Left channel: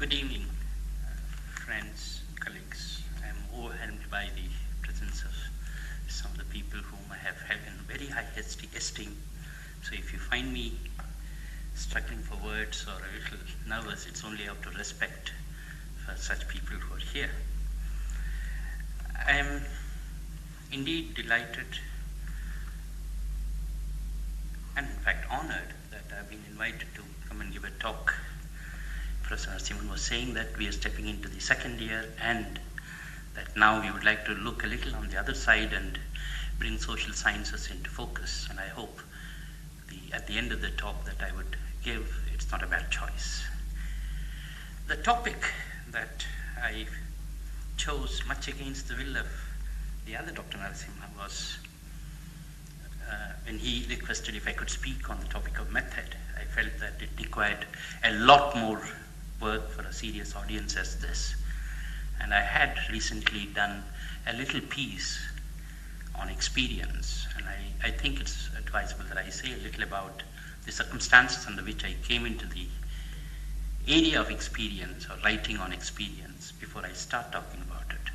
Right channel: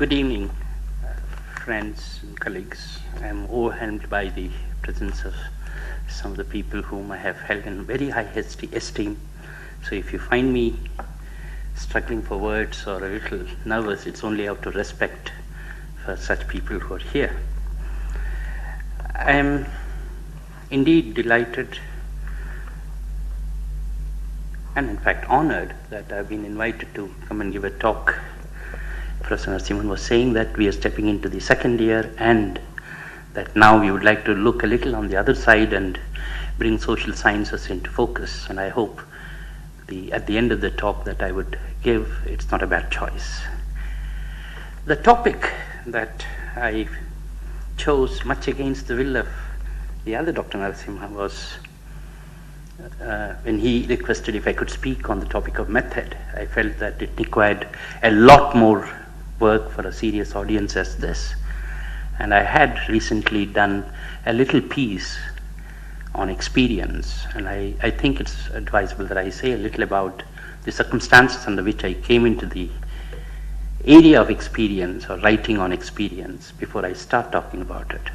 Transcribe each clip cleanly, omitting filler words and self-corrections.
Good evening, friends and colleagues. I am overwhelmed by the presence of some of the people whom I have held in very high esteem. So if you find me struggling for words or a little nervous, it's only out of respect for such people who are here. I am indeed delighted and in fact honored that I've been invited to come and give a talk. Professor Narasimhan was saying that we are stepping into the second year and that now we would like to look a little on the other side and bring social sciences into focus. And I hope at the end of the talk that I would give, it's not a bad choice. The topic that I chose, much against the will of the other Dr. Narasimha, was when he requested if I could speak on the topic of method. I felt that it required a lot more work for a serious audience as this. And I had recently done a little piece on experience, and I think it's advisable that I say a little about the circumstances under which I came into the area of experience or writing on experience before I start talking about it.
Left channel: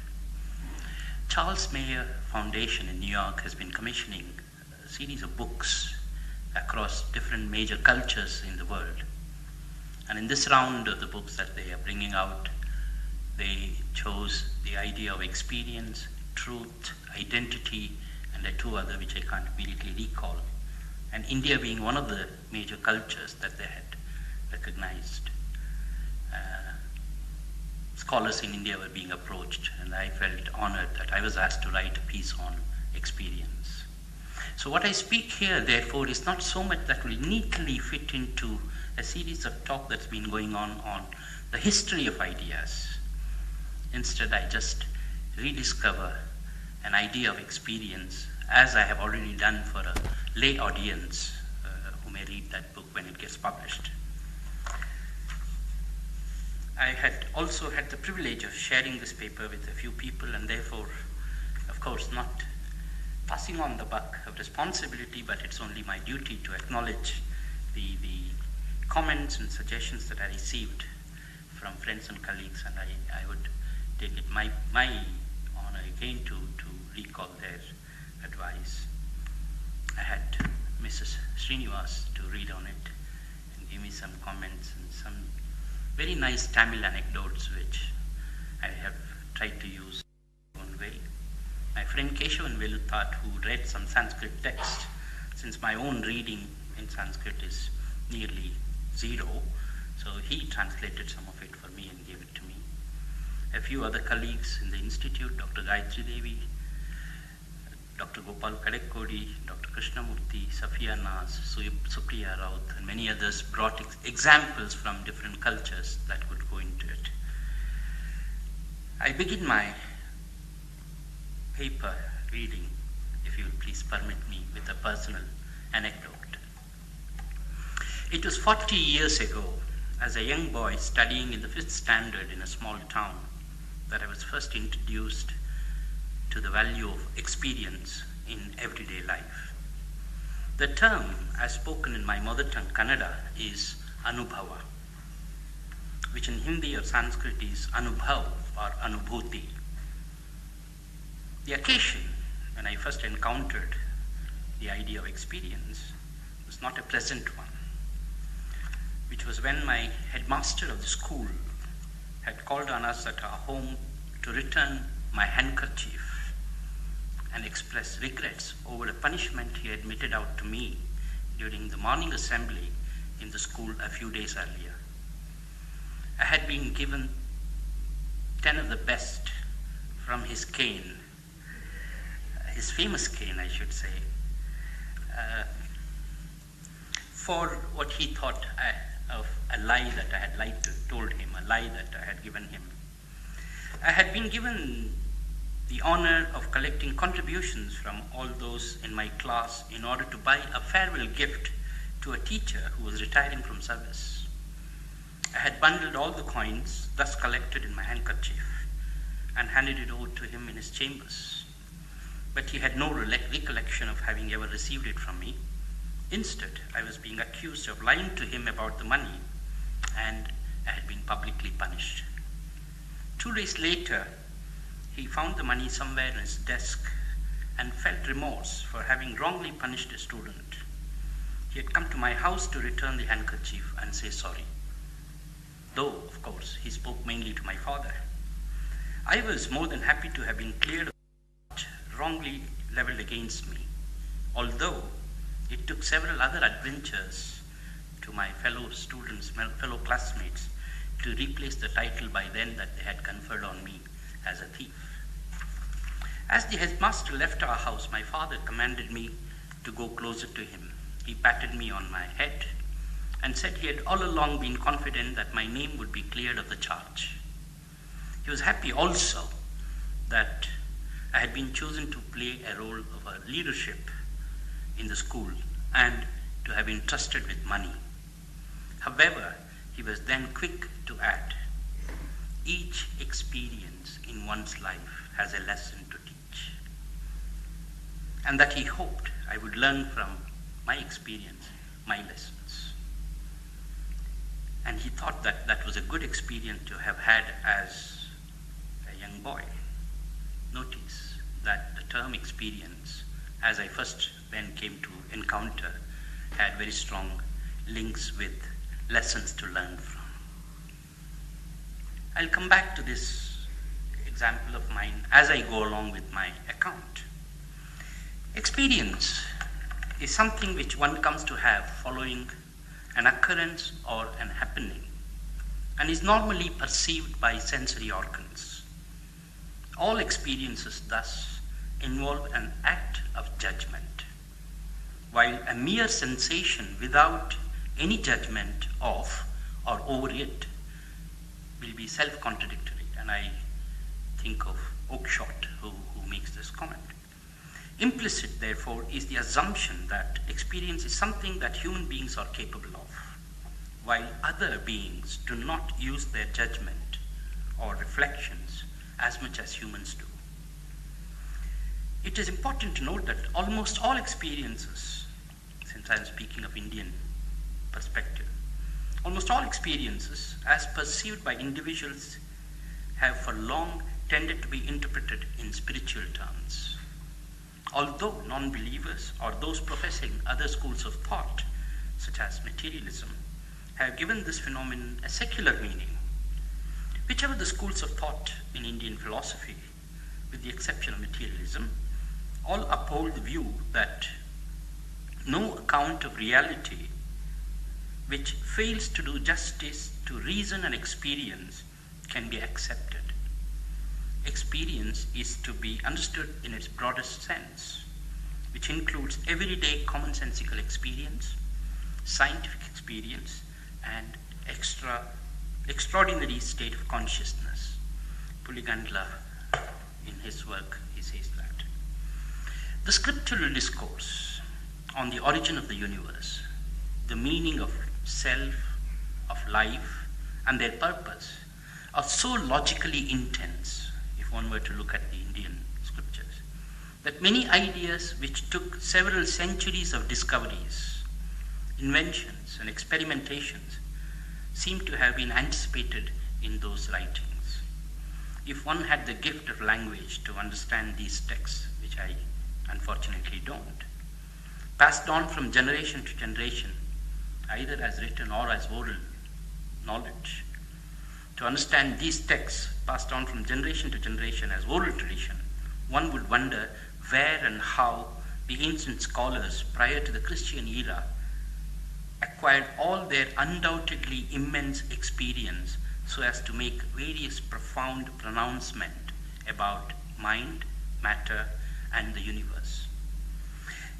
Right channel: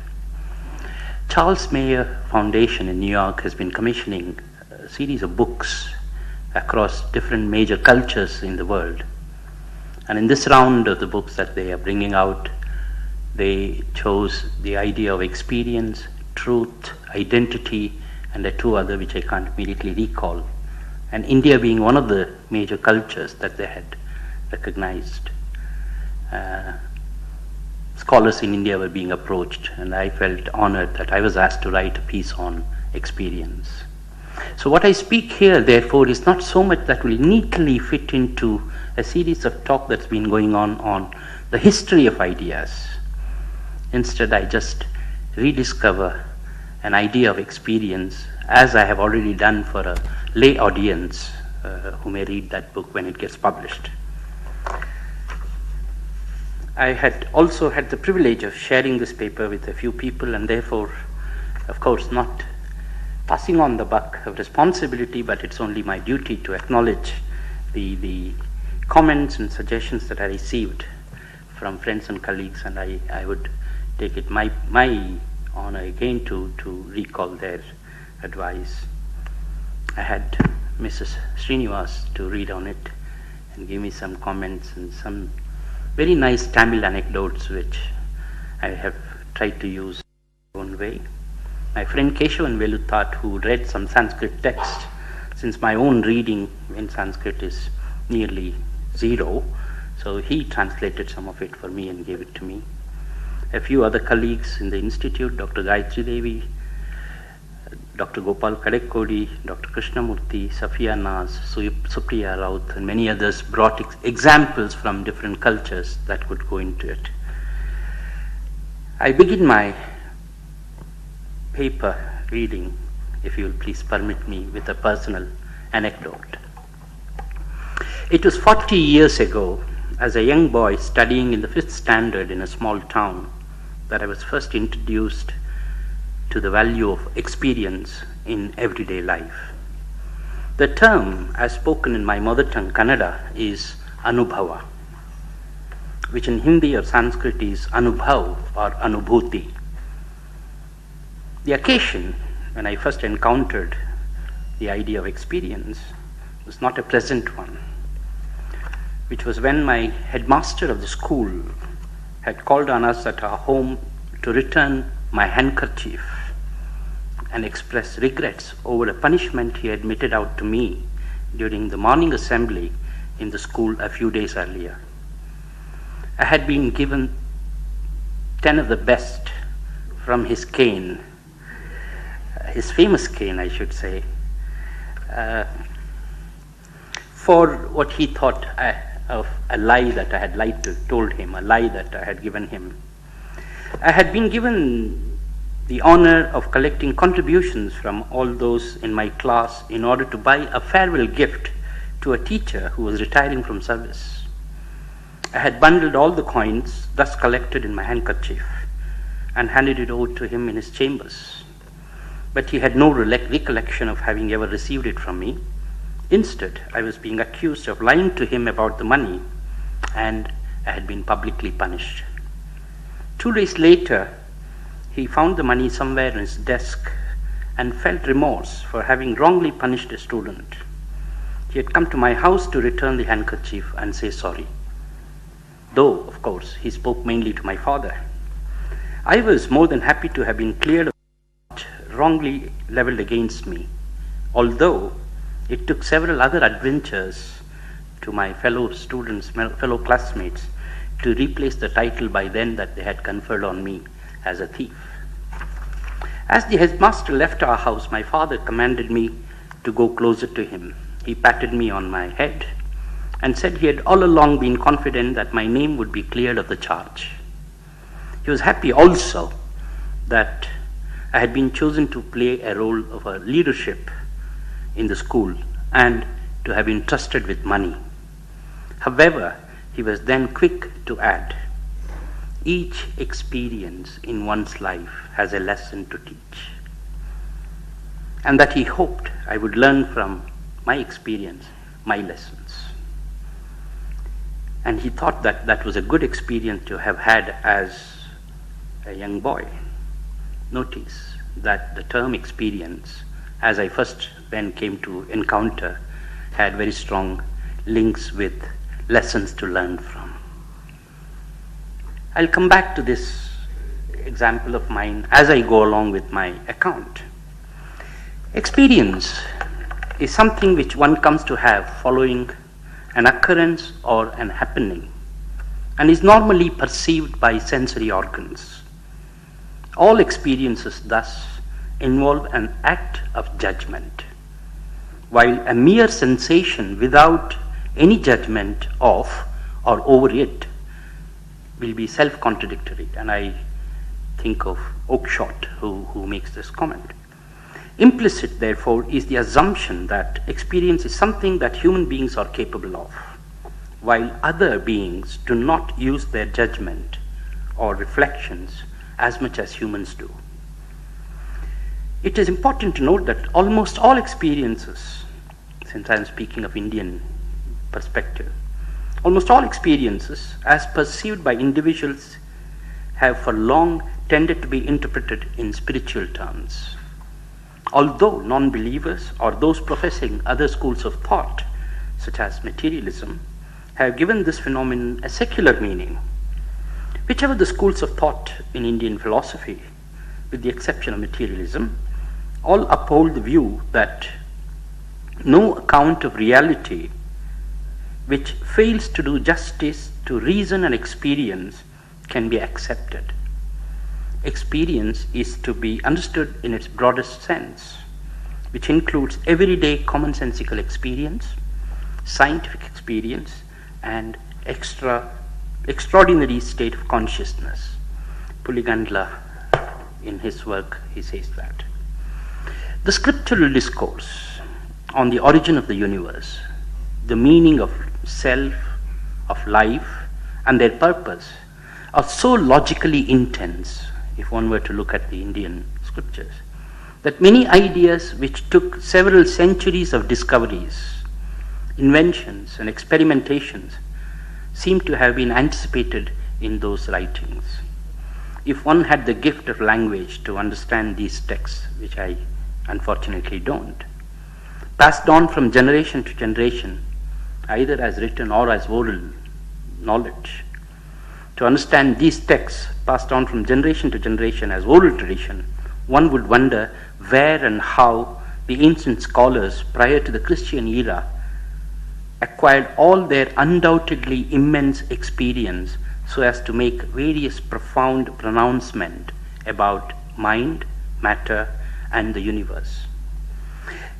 Charles Mayer Foundation in New York has been commissioning a series of books across different major cultures in the world. And in this round of the books that they are bringing out, they chose the idea of experience, truth, identity, and two other which I can't immediately recall. And India being one of the major cultures that they had recognized. Scholars in India were being approached, and I felt honored that I was asked to write a piece on experience. So what I speak here, therefore, is not so much that will neatly fit into a series of talk that's been going on the history of ideas. Instead, I just rediscover an idea of experience, as I have already done for a lay audience who may read that book when it gets published. I had also had the privilege of sharing this paper with a few people, and therefore, of course, not passing on the buck of responsibility, but it's only my duty to acknowledge the comments and suggestions that I received from friends and colleagues, and I would take it my honor again to recall their advice. I had Mrs. Srinivas to read on it and give me some comments and some very nice Tamil anecdotes which I have tried to use in my own way. My friend Keshavan Veluthat, who read some Sanskrit text, since my own reading in Sanskrit is nearly zero, so he translated some of it for me and gave it to me. A few other colleagues in the institute, Dr. Gayatri Devi, Dr. Gopal Kadekkodi, Dr. Krishnamurthy, Safiya Naz, Supriya Raut, and many others brought examples from different cultures that could go into it. I begin my paper reading, if you will please permit me, with a personal anecdote. It was 40 years ago, as a young boy studying in the 5th standard in a small town, that I was first introduced to the value of experience in everyday life. The term, as spoken in my mother tongue Kannada, is Anubhava, which in Hindi or Sanskrit is Anubhav or Anubhuti. The occasion when I first encountered the idea of experience was not a pleasant one, which was when my headmaster of the school had called on us at our home to return my handkerchief and express regrets over a punishment he had meted out to me during the morning assembly in the school a few days earlier. I had been given 10 of the best from his cane, his famous cane, I should say, for what he thought of a lie that I had told him, a lie that I had given him. I had been given the honor of collecting contributions from all those in my class in order to buy a farewell gift to a teacher who was retiring from service. I had bundled all the coins thus collected in my handkerchief and handed it over to him in his chambers. But he had no recollection of having ever received it from me. Instead, I was being accused of lying to him about the money and I had been publicly punished. 2 days later, he found the money somewhere in his desk and felt remorse for having wrongly punished a student. He had come to my house to return the handkerchief and say sorry. Though, of course, he spoke mainly to my father. I was more than happy to have been cleared of what wrongly leveled against me, although it took several other adventures to my fellow students, my fellow classmates, to replace the title by then that they had conferred on me as a thief. As the headmaster left our house, my father commanded me to go closer to him. He patted me on my head and said he had all along been confident that my name would be cleared of the charge. He was happy also that I had been chosen to play a role of a leadership in the school and to have been trusted with money. However, he was then quick to add, each experience in one's life has a lesson to teach, and that he hoped I would learn from my experience, my lessons. And he thought that that was a good experience to have had as a young boy. Notice that the term experience, as I first then came to encounter, had very strong links with lessons to learn from. I'll come back to this example of mine as I go along with my account. Experience is something which one comes to have following an occurrence or an happening, and is normally perceived by sensory organs. All experiences thus involve an act of judgment, while a mere sensation without any judgment of or over it will be self-contradictory, and I think of Oakeshott who makes this comment. Implicit, therefore, is the assumption that experience is something that human beings are capable of, while other beings do not use their judgment or reflections as much as humans do. It is important to note that almost all experiences, since I am speaking of Indian perspective, almost all experiences, as perceived by individuals, have for long tended to be interpreted in spiritual terms. Although non-believers or those professing other schools of thought, such as materialism, have given this phenomenon a secular meaning, whichever the schools of thought in Indian philosophy, with the exception of materialism, all uphold the view that no account of reality which fails to do justice to reason and experience can be accepted. Experience is to be understood in its broadest sense, which includes everyday commonsensical experience, scientific experience, and extraordinary state of consciousness. Puligandla, in his work, he says that. The scriptural discourse on the origin of the universe, the meaning of self, of life, and their purpose are so logically intense, if one were to look at the Indian scriptures, that many ideas which took several centuries of discoveries, inventions, and experimentations seem to have been anticipated in those writings. If one had the gift of language to understand these texts, which I unfortunately don't, passed on from generation to generation, either as written or as oral knowledge, to understand these texts passed on from generation to generation as oral tradition, one would wonder where and how the ancient scholars prior to the Christian era acquired all their undoubtedly immense experience so as to make various profound pronouncements about mind, matter, and the universe.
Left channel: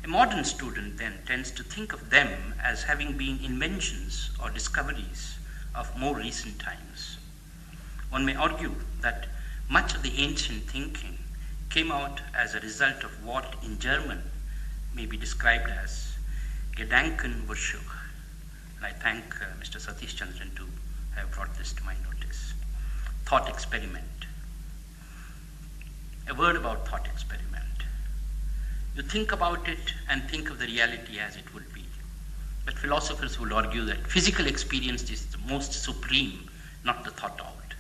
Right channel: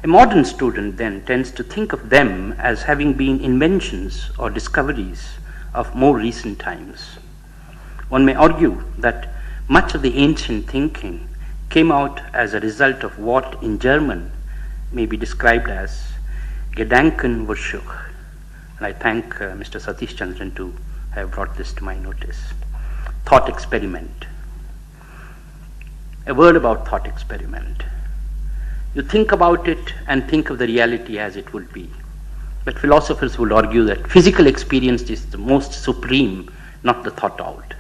A modern student then tends to think of them as having been inventions or discoveries of more recent times. One may argue that much of the ancient thinking came out as a result of what in German may be described as Gedankenversuch. And I thank Mr. Satish Chandran to have brought this to my notice. Thought experiment. A word about thought experiment. You think about it and think of the reality as it would be. But philosophers would argue that physical experience is the most supreme not the thought out.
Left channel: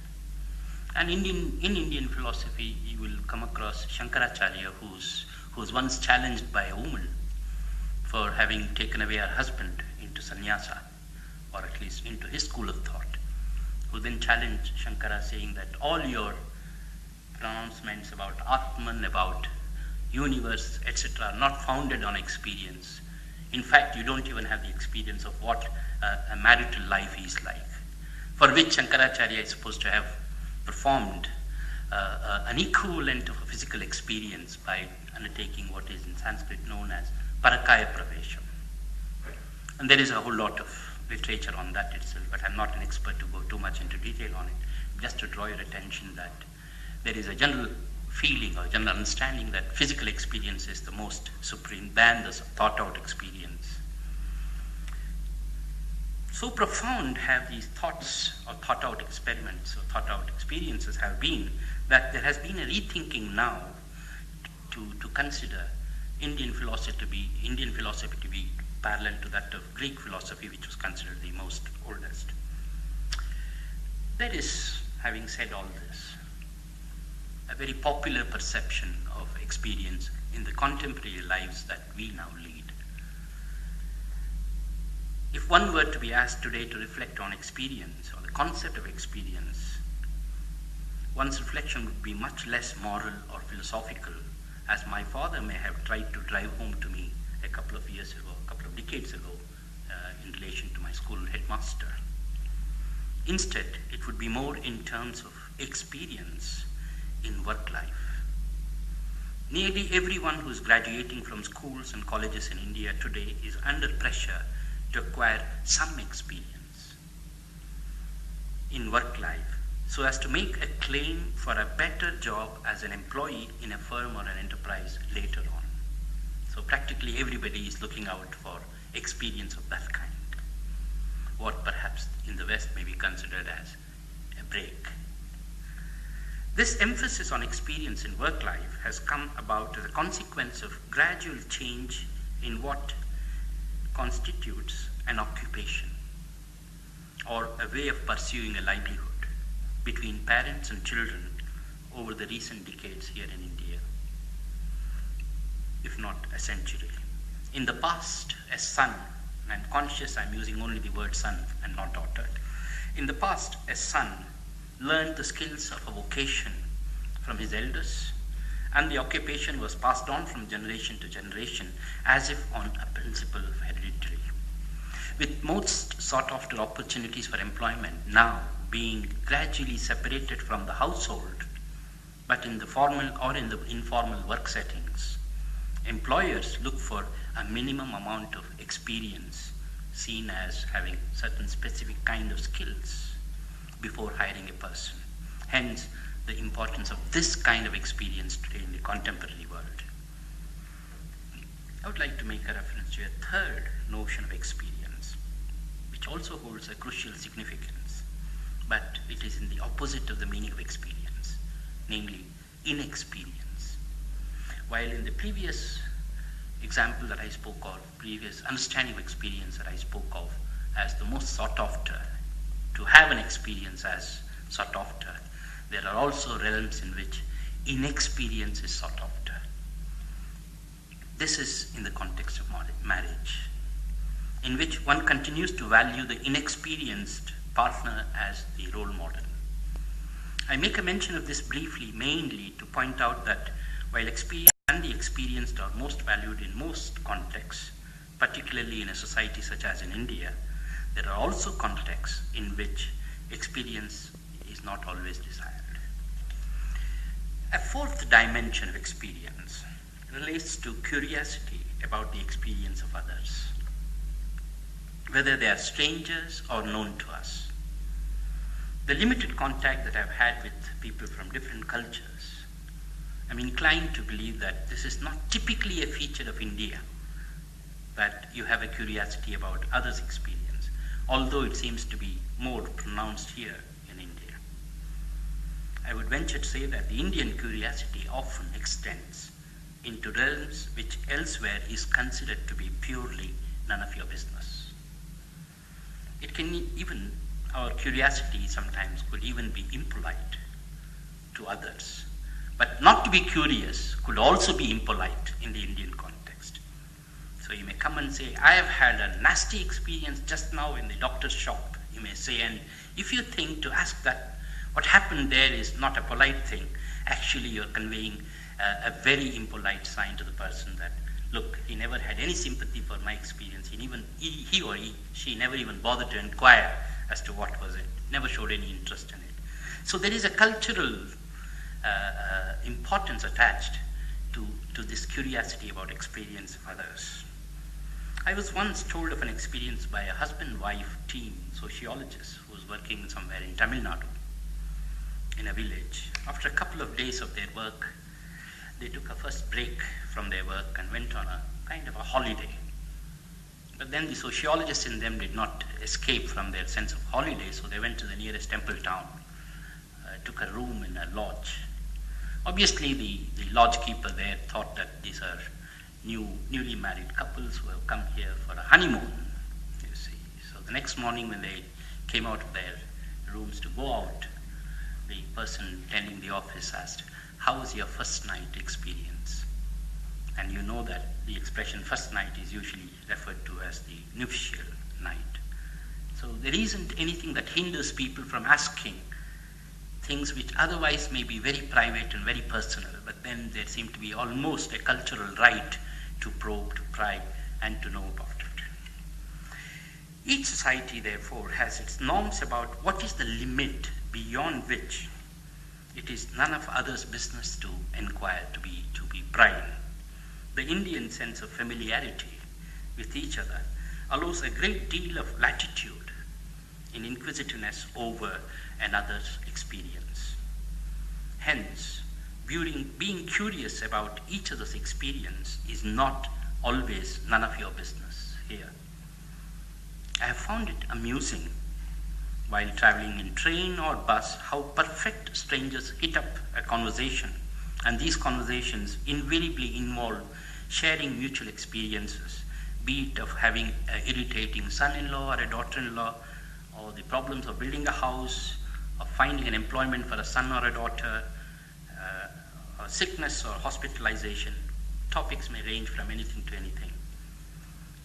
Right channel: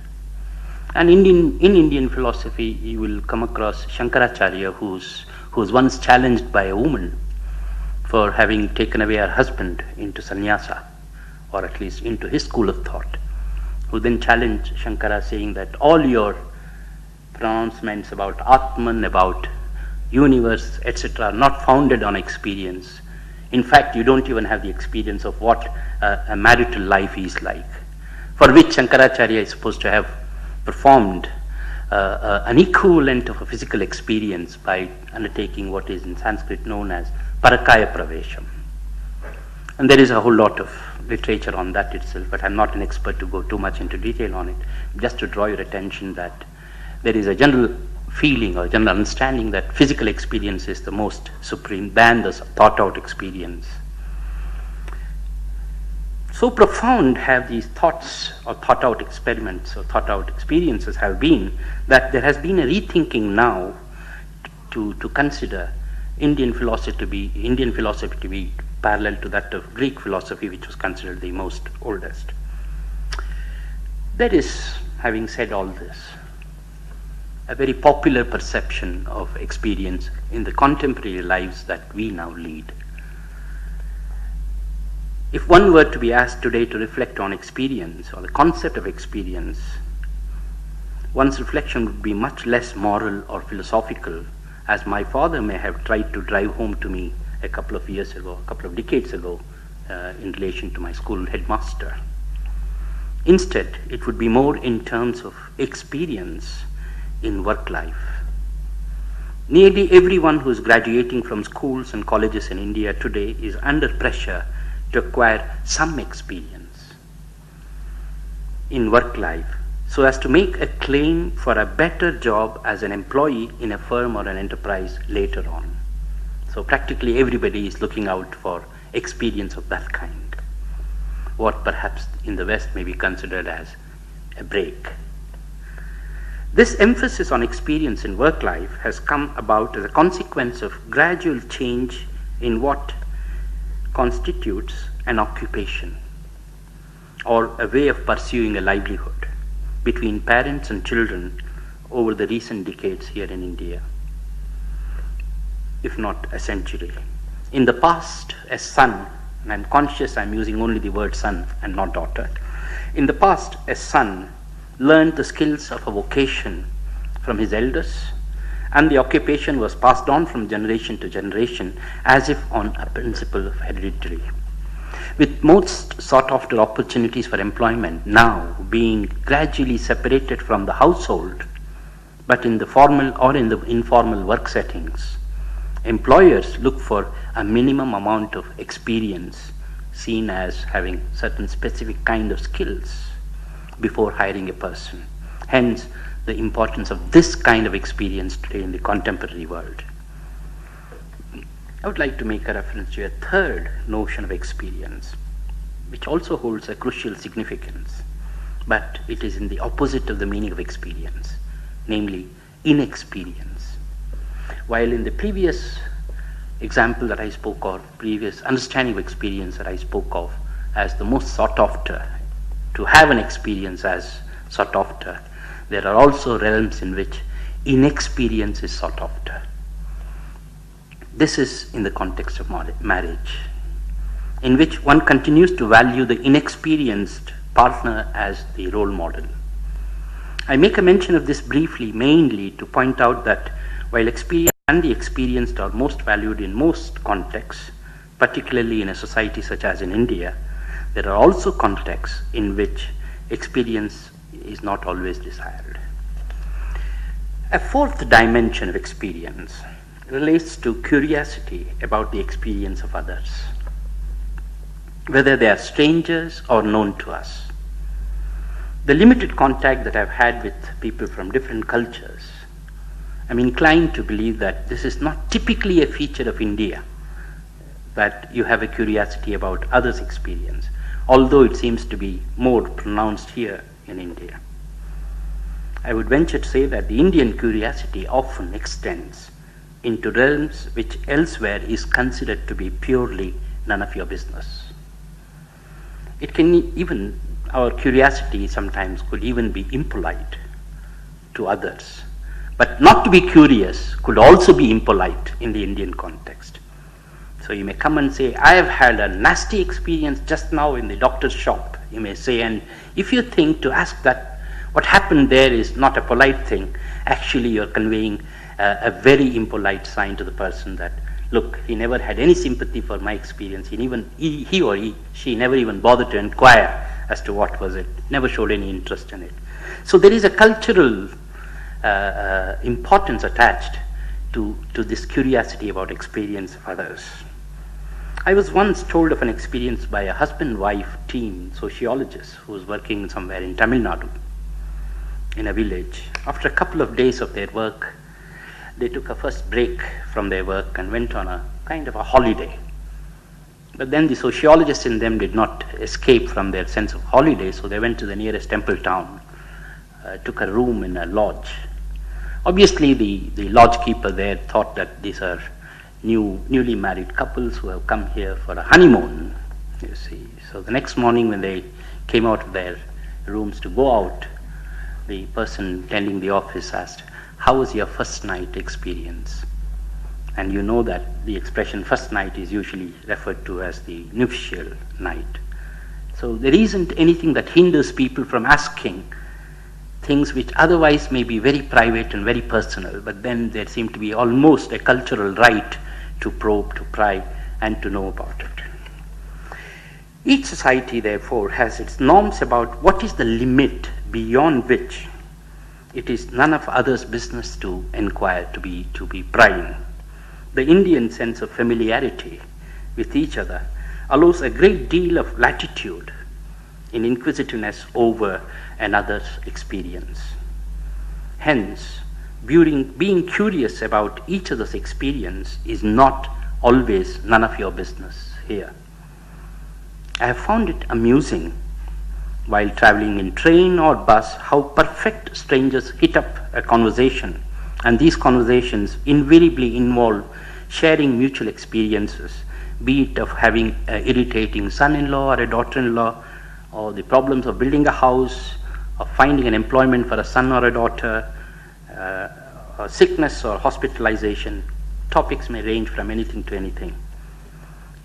And in Indian philosophy, you will come across Shankaracharya, who was once challenged by a woman for having taken away her husband into sannyasa, or at least into his school of thought, who then challenged Shankara, saying that all your pronouncements about Atman, about universe, etc., are not founded on experience. In fact, you don't even have the experience of what a marital life is like, for which Shankaracharya is supposed to have performed an equivalent of a physical experience by undertaking what is in Sanskrit known as parakaya pravesham. And there is a whole lot of literature on that itself, but I'm not an expert to go too much into detail on it. Just to draw your attention that there is a general feeling or general understanding that physical experience is the most supreme than the thought out experience. So profound have these thoughts or thought out experiments or thought out experiences have been that there has been a rethinking now to consider Indian philosophy to be parallel to that of Greek philosophy, which was considered the most oldest. There is, having said all this, a very popular perception of experience in the contemporary lives that we now lead. If one were to be asked today to reflect on experience or the concept of experience, one's reflection would be much less moral or philosophical, as my father may have tried to drive home to me a couple of years ago, a couple of decades ago, in relation to my school headmaster. Instead, it would be more in terms of experience in work life. Nearly everyone who is graduating from schools and colleges in India today is under pressure to acquire some experience in work life so as to make a claim for a better job as an employee in a firm or an enterprise later on. So practically everybody is looking out for experience of that kind, what perhaps in the West may be considered as a break. This emphasis on experience in work life has come about as a consequence of gradual change in what constitutes an occupation or a way of pursuing a livelihood between parents and children over the recent decades here in India, if not a century. In the past, a son, and I'm conscious I'm using only the word son and not daughter, in the past, a son learned the skills of a vocation from his elders, and the occupation was passed on from generation to generation as if on a principle of heredity. With most sought after opportunities for employment now being gradually separated from the household, but in the formal or in the informal work settings, employers look for a minimum amount of experience seen as having certain specific kind of skills before hiring a person. Hence, the importance of this kind of experience today in the contemporary world. I would like to make a reference to a third notion of experience, which also holds a crucial significance, but it is in the opposite of the meaning of experience, namely inexperience. While in the previous example that I spoke of, previous understanding of experience that I spoke of as the most sought after, to have an experience as sought after, there are also realms in which inexperience is sought after. This is in the context of marriage, in which one continues to value the inexperienced partner as the role model. I make a mention of this briefly, mainly to point out that while experience and the experienced are most valued in most contexts, particularly in a society such as in India, there are also contexts in which experience is not always desired. A fourth dimension of experience relates to curiosity about the experience of others, whether they are strangers or known to us. The limited contact that I've had with people from different cultures, I'm inclined to believe that this is not typically a feature of India, that you have a curiosity about others' experience, although it seems to be more pronounced here in India. I would venture to say that the Indian curiosity often extends into realms which elsewhere is considered to be purely none of your business. It can even our curiosity sometimes could even be impolite to others. But not to be curious could also be impolite in the Indian context. So you may come and say, I have had a nasty experience just now in the doctor's shop, you may say, and if you think to ask that what happened there is not a polite thing, actually you're conveying a very impolite sign to the person that, look, he never had any sympathy for my experience, she never even bothered to inquire as to what was it, never showed any interest in it. So there is a cultural importance attached to this curiosity about experience of others. I was once told of an experience by a husband-wife team sociologist who was working somewhere in Tamil Nadu, in a village. After a couple of days of their work, they took a first break from their work and went on a kind of a holiday. But then the sociologists in them did not escape from their sense of holiday, so they went to the nearest temple town, took a room in a lodge. Obviously, the lodge keeper there thought that these are newly married couples who have come here for a honeymoon, you see. So the next morning when they came out of their rooms to go out, the person tending the office asked, how was your first night experience? And you know that the expression first night is usually referred to as the nuptial night. So there isn't anything that hinders people from asking things which otherwise may be very private and very personal, but then there seemed to be almost a cultural right to probe, to pry, and to know about it. Each society, therefore, has its norms about what is the limit beyond which it is none of others' business to inquire, to be prying. The Indian sense of familiarity with each other allows a great deal of latitude in inquisitiveness over another's experience. Hence, being curious about each other's experience is not always none of your business here. I have found it amusing while traveling in train or bus how perfect strangers hit up a conversation, and these conversations invariably involve sharing mutual experiences, be it of having an irritating son-in-law or a daughter-in-law, or the problems of building a house, of finding an employment for a son or a daughter, or sickness or hospitalization. Topics may range from anything to anything.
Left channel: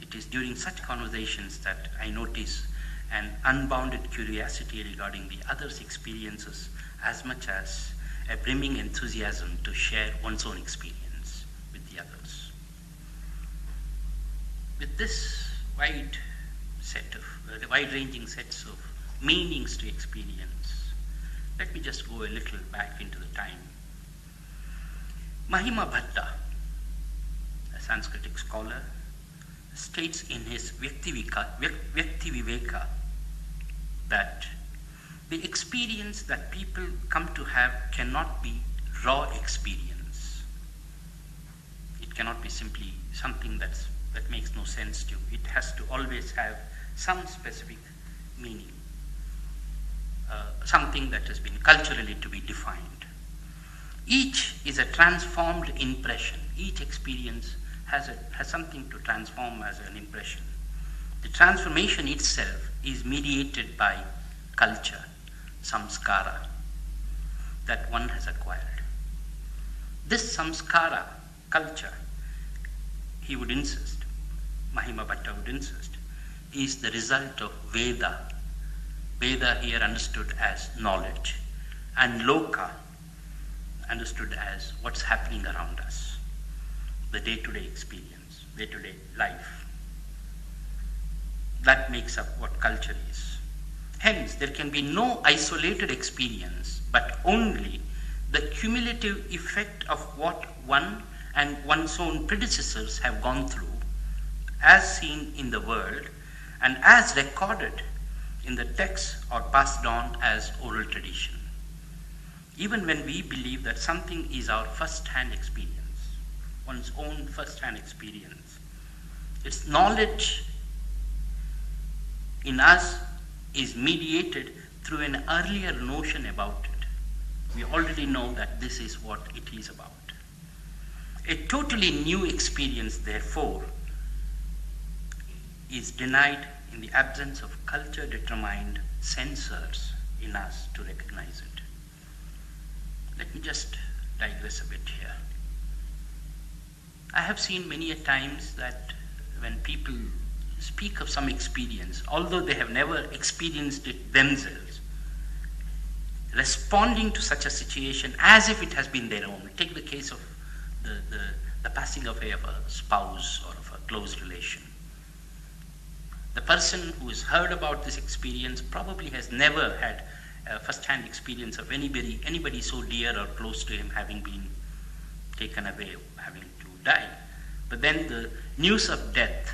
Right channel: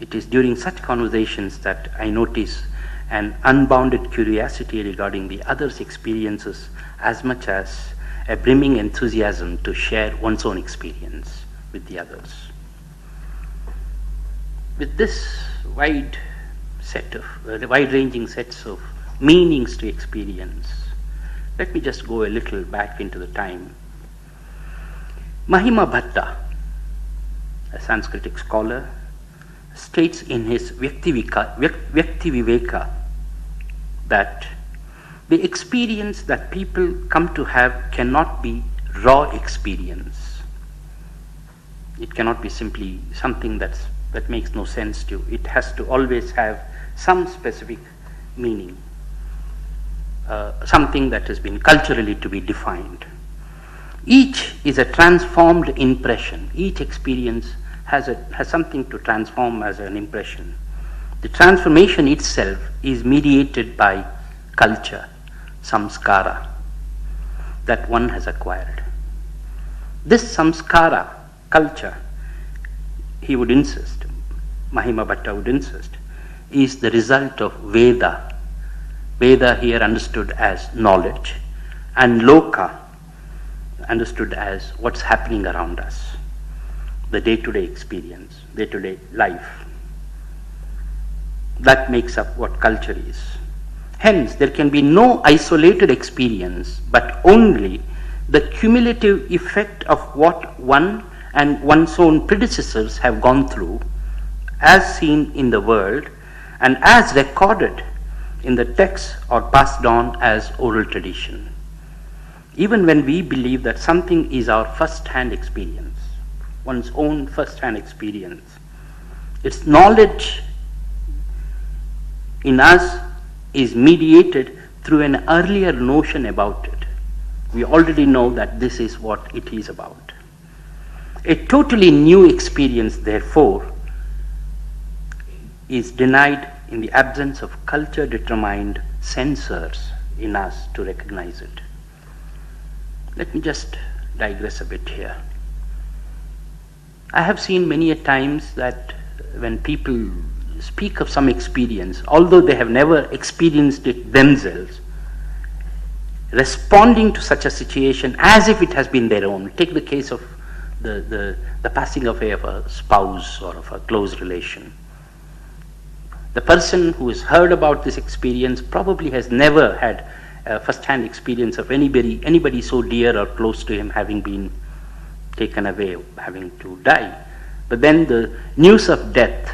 It is during such conversations that I notice an unbounded curiosity regarding the other's experiences as much as a brimming enthusiasm to share one's own experience with the others. With this wide-ranging sets of meanings to experience, let me just go a little back into the time. Mahima Bhatta, a Sanskritic scholar, states in his Vyakti Viveka that the experience that people come to have cannot be raw experience. It cannot be simply something that makes no sense to you. It has to always have some specific meaning, something that has been culturally to be defined. Each is a transformed impression. Each experience has something to transform as an impression. The transformation itself is mediated by culture, samskara, that one has acquired. This samskara, culture, he would insist, Mahima Bhatta would insist, is the result of Veda. Veda here understood as knowledge, and Loka understood as what's happening around us, the day-to-day experience, day-to-day life. That makes up what culture is. Hence, there can be no isolated experience, but only the cumulative effect of what one and one's own predecessors have gone through, as seen in the world, and as recorded in the text or passed on as oral tradition. Even when we believe that something is our first-hand experience, one's own first-hand experience, its knowledge in us is mediated through an earlier notion about it. We already know that this is what it is about. A totally new experience, therefore, is denied in the absence of culture-determined sensors in us to recognize it. Let me just digress a bit here. I have seen many a times that when people speak of some experience, although they have never experienced it themselves, responding to such a situation as if it has been their own. Take the case of the passing away of a spouse or of a close relation. The person who has heard about this experience probably has never had a first-hand experience of anybody so dear or close to him having been taken away, having to die. But then the news of death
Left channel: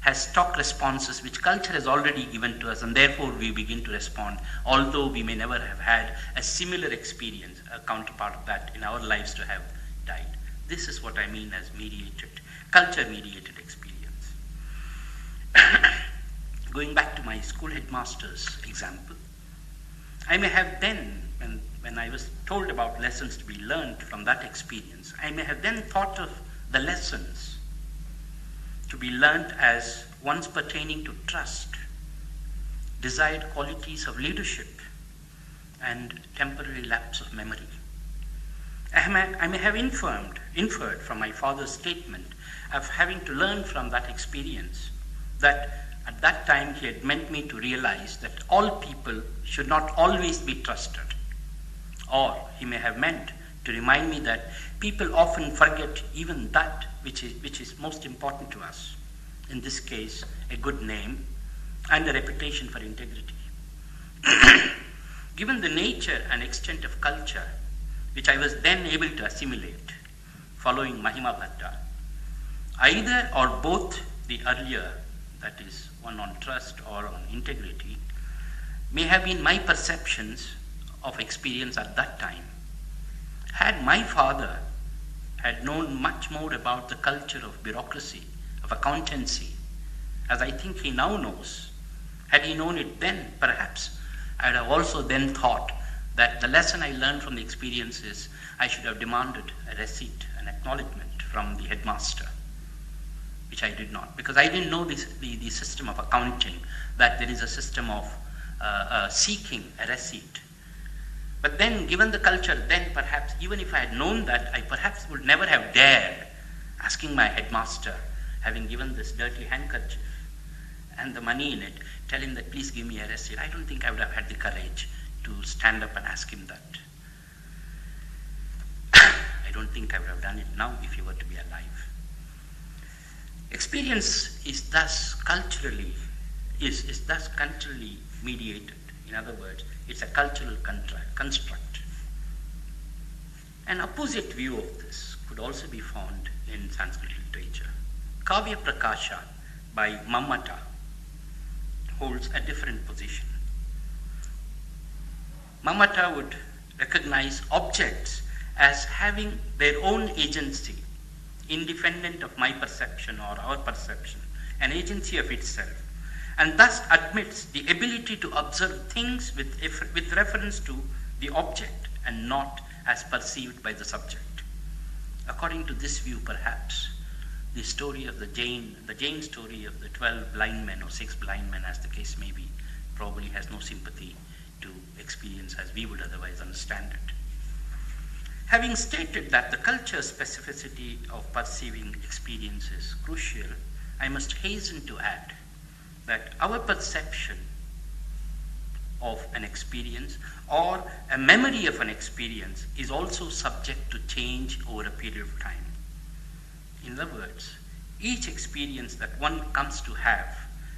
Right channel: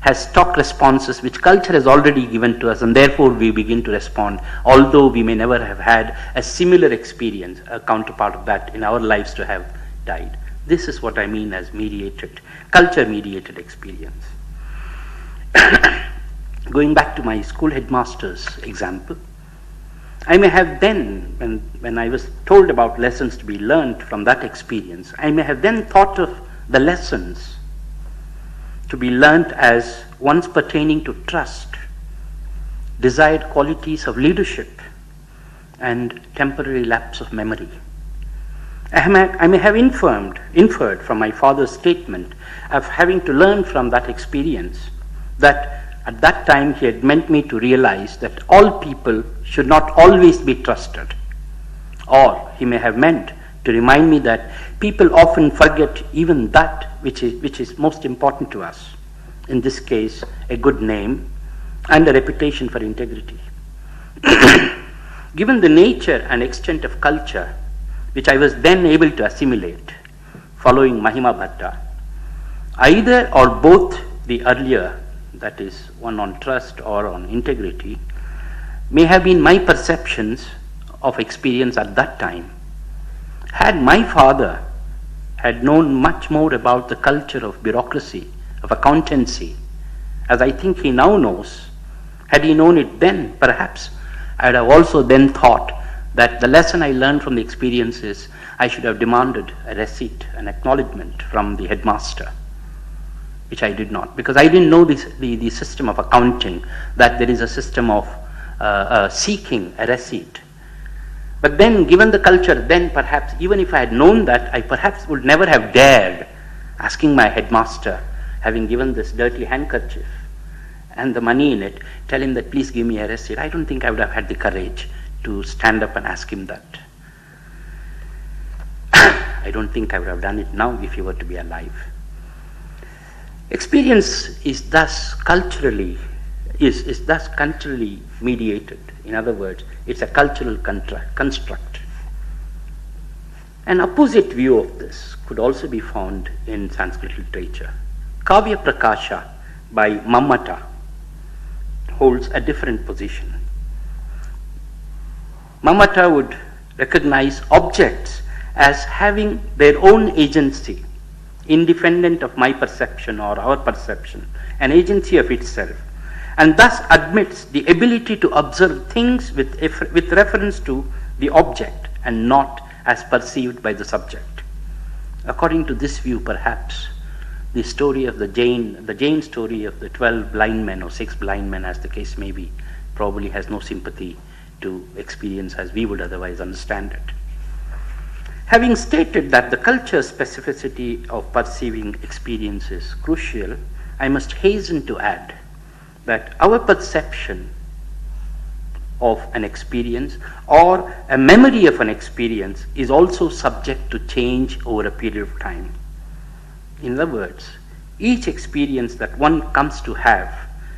has stock responses which culture has already given to us, and therefore we begin to respond, although we may never have had a similar experience, a counterpart of that in our lives to have died. This is what I mean as culture-mediated experience. Going back to my school headmaster's example, I may have then, when I was told about lessons to be learned from that experience, I may have then thought of the lessons to be learnt as ones pertaining to trust, desired qualities of leadership, and temporary lapse of memory. I may have inferred from my father's statement of having to learn from that experience that at that time he had meant me to realize that all people should not always be trusted. Or he may have meant to remind me that people often forget even that which is most important to us. In this case, a good name and a reputation for integrity. Given the nature and extent of culture which I was then able to assimilate following Mahima Bhatta, either or both the earlier, that is one on trust or on integrity, may have been my perceptions of experience at that time. Had my father had known much more about the culture of bureaucracy, of accountancy, as I think he now knows, had he known it then, perhaps I would have also then thought that the lesson I learned from the experience is I should have demanded a receipt, an acknowledgement from the headmaster, which I did not, because I didn't know the system of accounting, that there is a system of seeking a receipt. But then, given the culture, then perhaps, even if I had known that, I perhaps would never have dared asking my headmaster, having given this dirty handkerchief and the money in it, tell him that please give me a receipt. I don't think I would have had the courage to stand up and ask him that. I don't think I would have done it now if he were to be alive. Experience is thus culturally mediated. In other words, it's a cultural construct. An opposite view of this could also be found in Sanskrit literature. Kavya Prakasha by Mammata holds a different position. Mammata would recognize objects as having their own agency, independent of my perception or our perception, an agency of itself, and thus admits the ability to observe things with reference to the object and not as perceived by the subject. According to this view, perhaps, the story of the Jain story of the 12 blind men or 6 blind men, as the case may be, probably has no sympathy to experience as we would otherwise understand it. Having stated that the culture specificity of perceiving experience is crucial, I must hasten to add that our perception of an experience or a memory of an experience is also subject to change over a period of time. In other words, each experience that one comes to have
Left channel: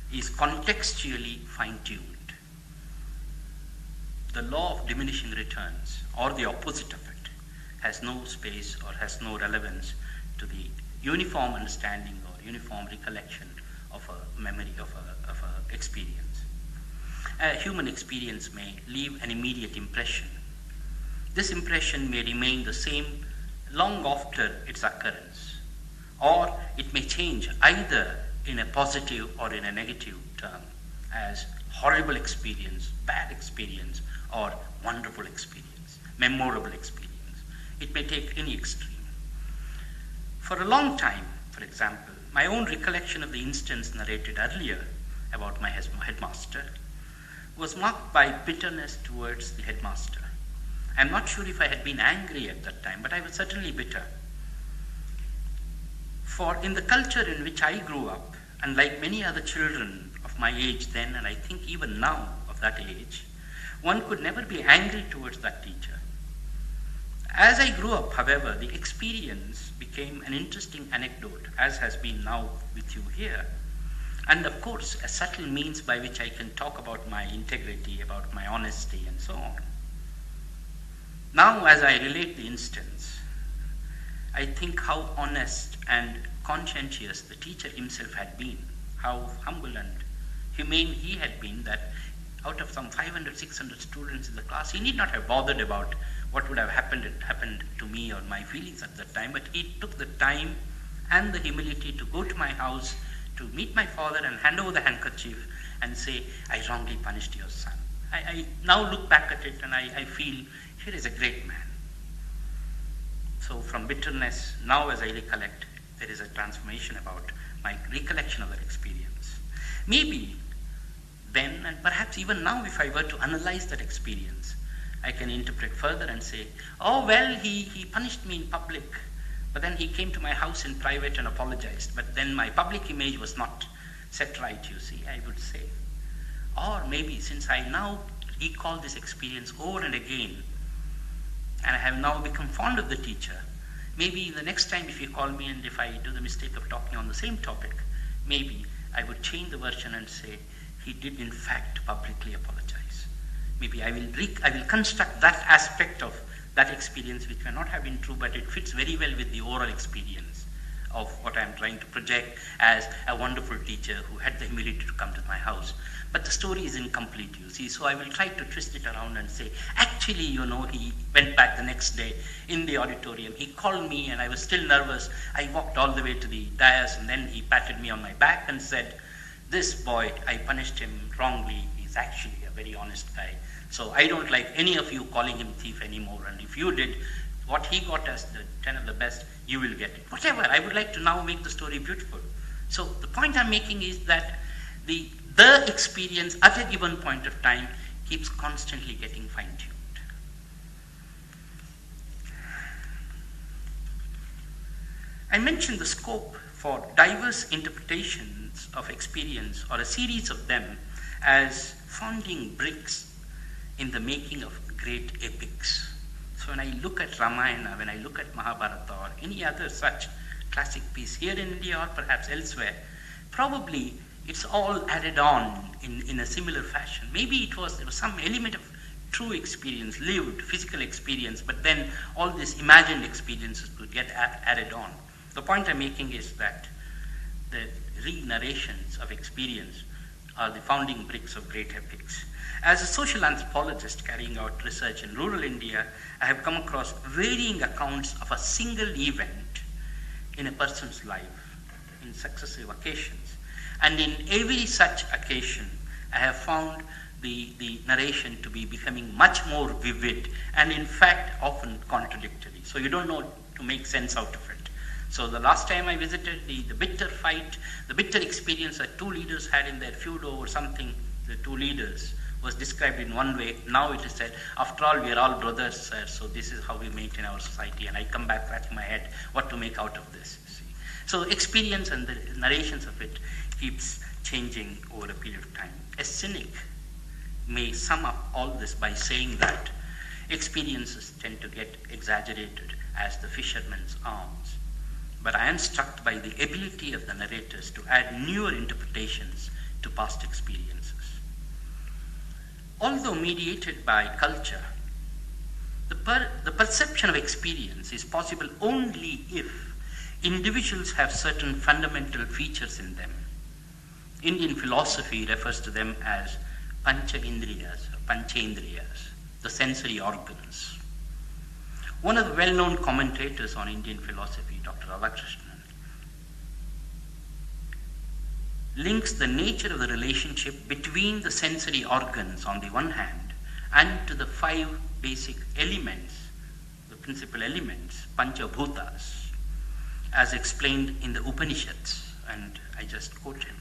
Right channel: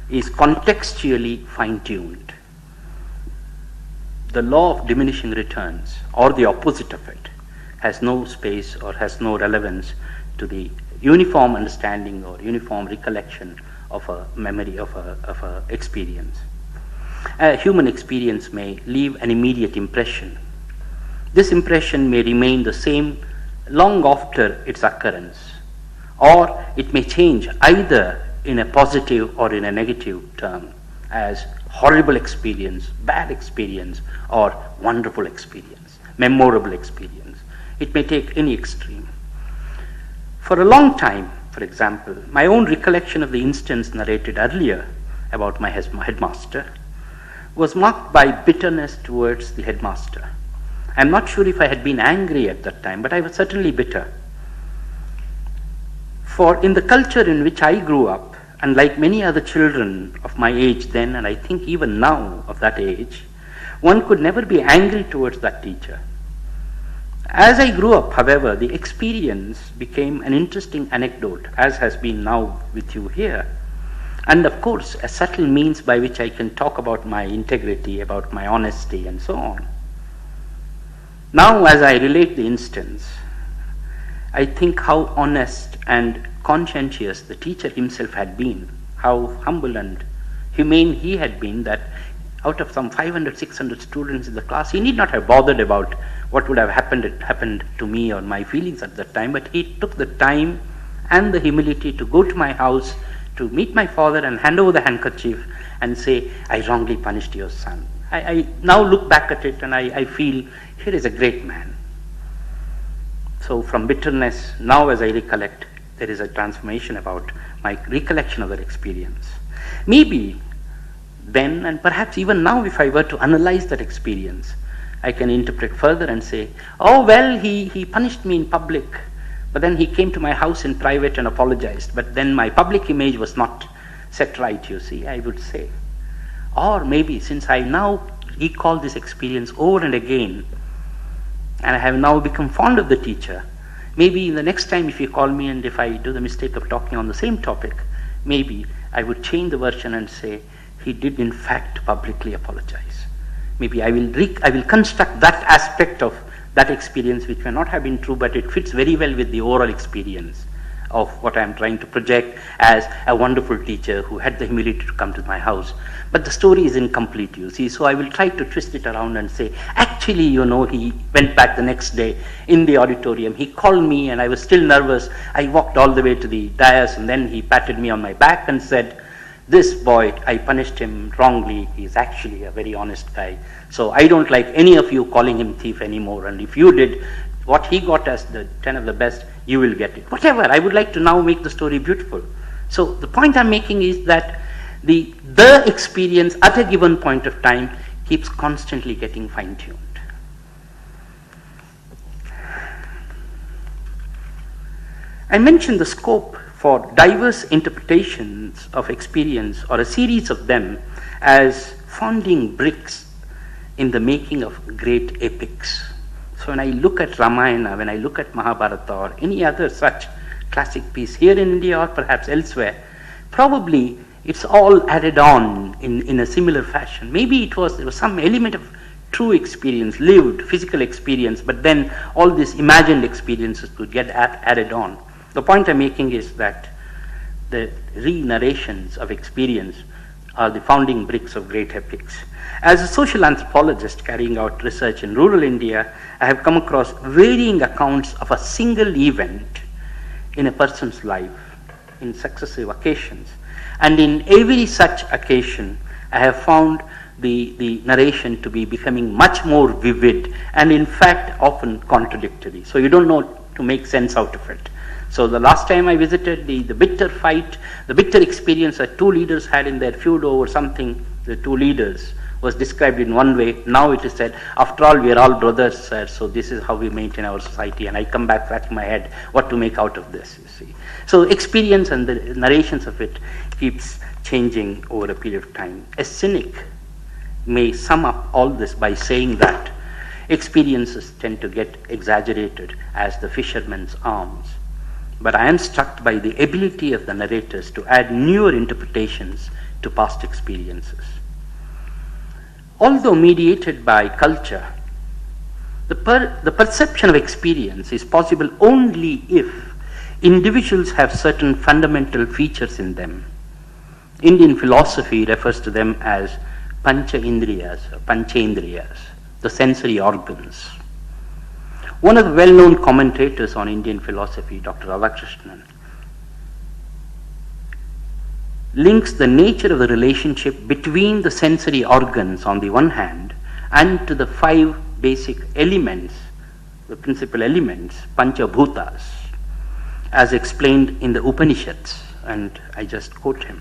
is contextually fine-tuned. The law of diminishing returns, or the opposite of it, has no space or has no relevance to the uniform understanding or uniform recollection of a memory of a experience. A human experience may leave an immediate impression. This impression may remain the same long after its occurrence, or it may change either in a positive or in a negative term, as horrible experience, bad experience, or wonderful experience, memorable experience. It may take any extreme. For a long time, for example, my own recollection of the instance narrated earlier about my headmaster was marked by bitterness towards the headmaster. I'm not sure if I had been angry at that time, but I was certainly bitter. For in the culture in which I grew up, and like many other children of my age then, and I think even now of that age, one could never be angry towards that teacher. As I grew up, however, the experience became an interesting anecdote, as has been now with you here. And of course, a subtle means by which I can talk about my integrity, about my honesty, and so on. Now, as I relate the instance, I think how honest and conscientious the teacher himself had been, how humble and humane he had been, that out of some 500, 600 students in the class, he need not have bothered about what would have happened to me or my feelings at that time, but he took the time and the humility to go to my house, to meet my father and hand over the handkerchief and say, I wrongly punished your son. I now look back at it and I feel, here is a great man. So from bitterness, now as I recollect, there is a transformation about my recollection of that experience. Maybe then, and perhaps even now, if I were to analyze that experience, I can interpret further and say, oh well, he punished me in public, but then he came to my house in private and apologized, but then my public image was not set right, you see, I would say. Or maybe, since I now recall this experience over and again, and I have now become fond of the teacher, maybe the next time if you call me and if I do the mistake of talking on the same topic, maybe I would change the version and say, he did in fact publicly apologize. Maybe I will construct that aspect of that experience which may not have been true, but it fits very well with the overall experience of what I am trying to project as a wonderful teacher who had the humility to come to my house. But the story is incomplete, you see, so I will try to twist it around and say, actually, you know, he went back the next day in the auditorium. He called me and I was still nervous. I walked all the way to the dais and then he patted me on my back and said, this boy, I punished him wrongly. He's actually a very honest guy. So I don't like any of you calling him thief anymore. And if you did what he got as the 10 of the best, you will get it. Whatever, I would like to now make the story beautiful. So the point I'm making is that the experience at a given point of time keeps constantly getting fine-tuned. I mentioned the scope for diverse interpretations of experience, or a series of them, as founding bricks in the making of great epics. So when I look at Ramayana, when I look at Mahabharata or any other such classic piece here in India or perhaps elsewhere, probably it's all added on in a similar fashion. Maybe there was some element of true experience, lived physical experience, but then all these imagined experiences could get added on. The point I'm making is that the re-narrations of experience are the founding bricks of great epics. As a social anthropologist carrying out research in rural India, I have come across varying accounts of a single event in a person's life in successive occasions. And in every such occasion, I have found the narration to be becoming much more vivid and in fact often contradictory. So you don't know to make sense out of it. So the last time I visited, the bitter fight, the bitter experience that two leaders had in their feud over something, the two leaders, was described in one way. Now it is said, after all, we are all brothers, sir, so this is how we maintain our society. And I come back scratching my head, what to make out of this, you see. So experience and the narrations of it keeps changing over a period of time. A cynic may sum up all this by saying that experiences tend to get exaggerated as the fisherman's arms. But I am struck by the ability of the narrators to add newer interpretations to past experiences. Although mediated by culture, the perception of experience is possible only if individuals have certain fundamental features in them. Indian philosophy refers to them as pancha-indriyas, or panchendriyas, the sensory organs. One of the well-known commentators on Indian philosophy, Dr. Radhakrishnan, links the nature of the relationship between the sensory organs on the one hand and to the 5 basic elements, the principal elements, panchabhutas, as explained in the Upanishads, and I just quote him.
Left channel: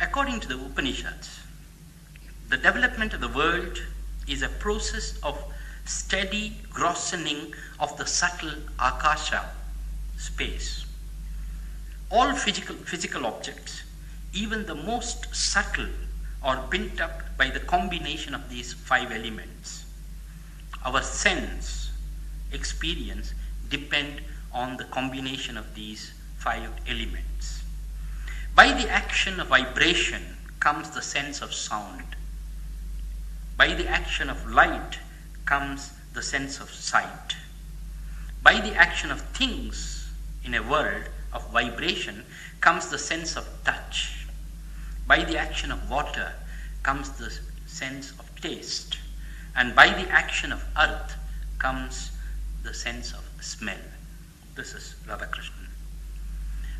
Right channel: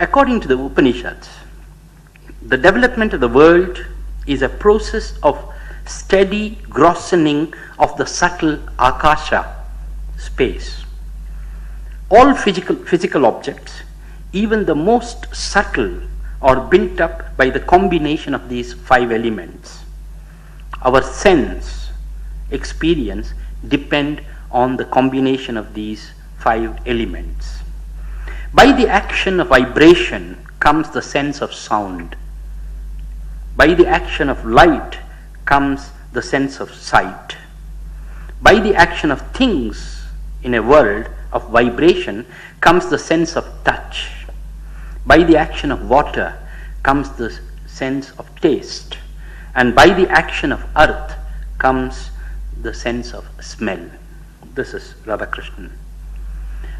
According to the Upanishads, the development of the world is a process of steady grossening of the subtle akasha, space. All physical objects, even the most subtle, are built up by the combination of these 5 elements. Our sense, experience depend on the combination of these 5 elements. By the action of vibration comes the sense of sound. By the action of light comes the sense of sight. By the action of things in a world of vibration comes the sense of touch. By the action of water comes the sense of taste. And by the action of earth comes the sense of smell. This is Radhakrishnan.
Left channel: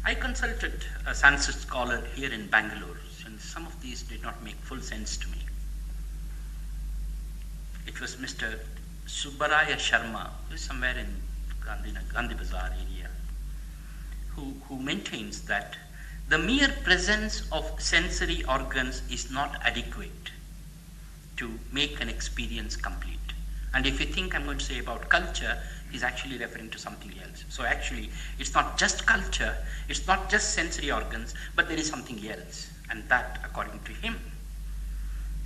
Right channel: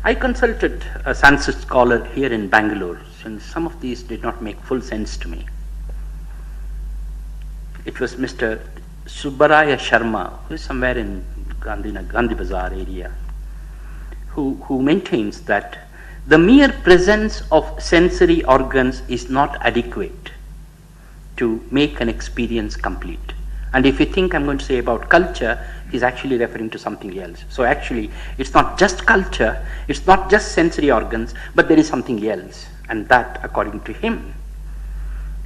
I consulted a Sanskrit scholar here in Bangalore, and some of these did not make full sense to me. It was Mr. Subbaraya Sharma, who is somewhere in Gandhi Bazaar area, who maintains that the mere presence of sensory organs is not adequate to make an experience complete. And if you think I'm going to say about culture, he's actually referring to something else. So actually, it's not just culture, it's not just sensory organs, but there is something else. And that, according to him,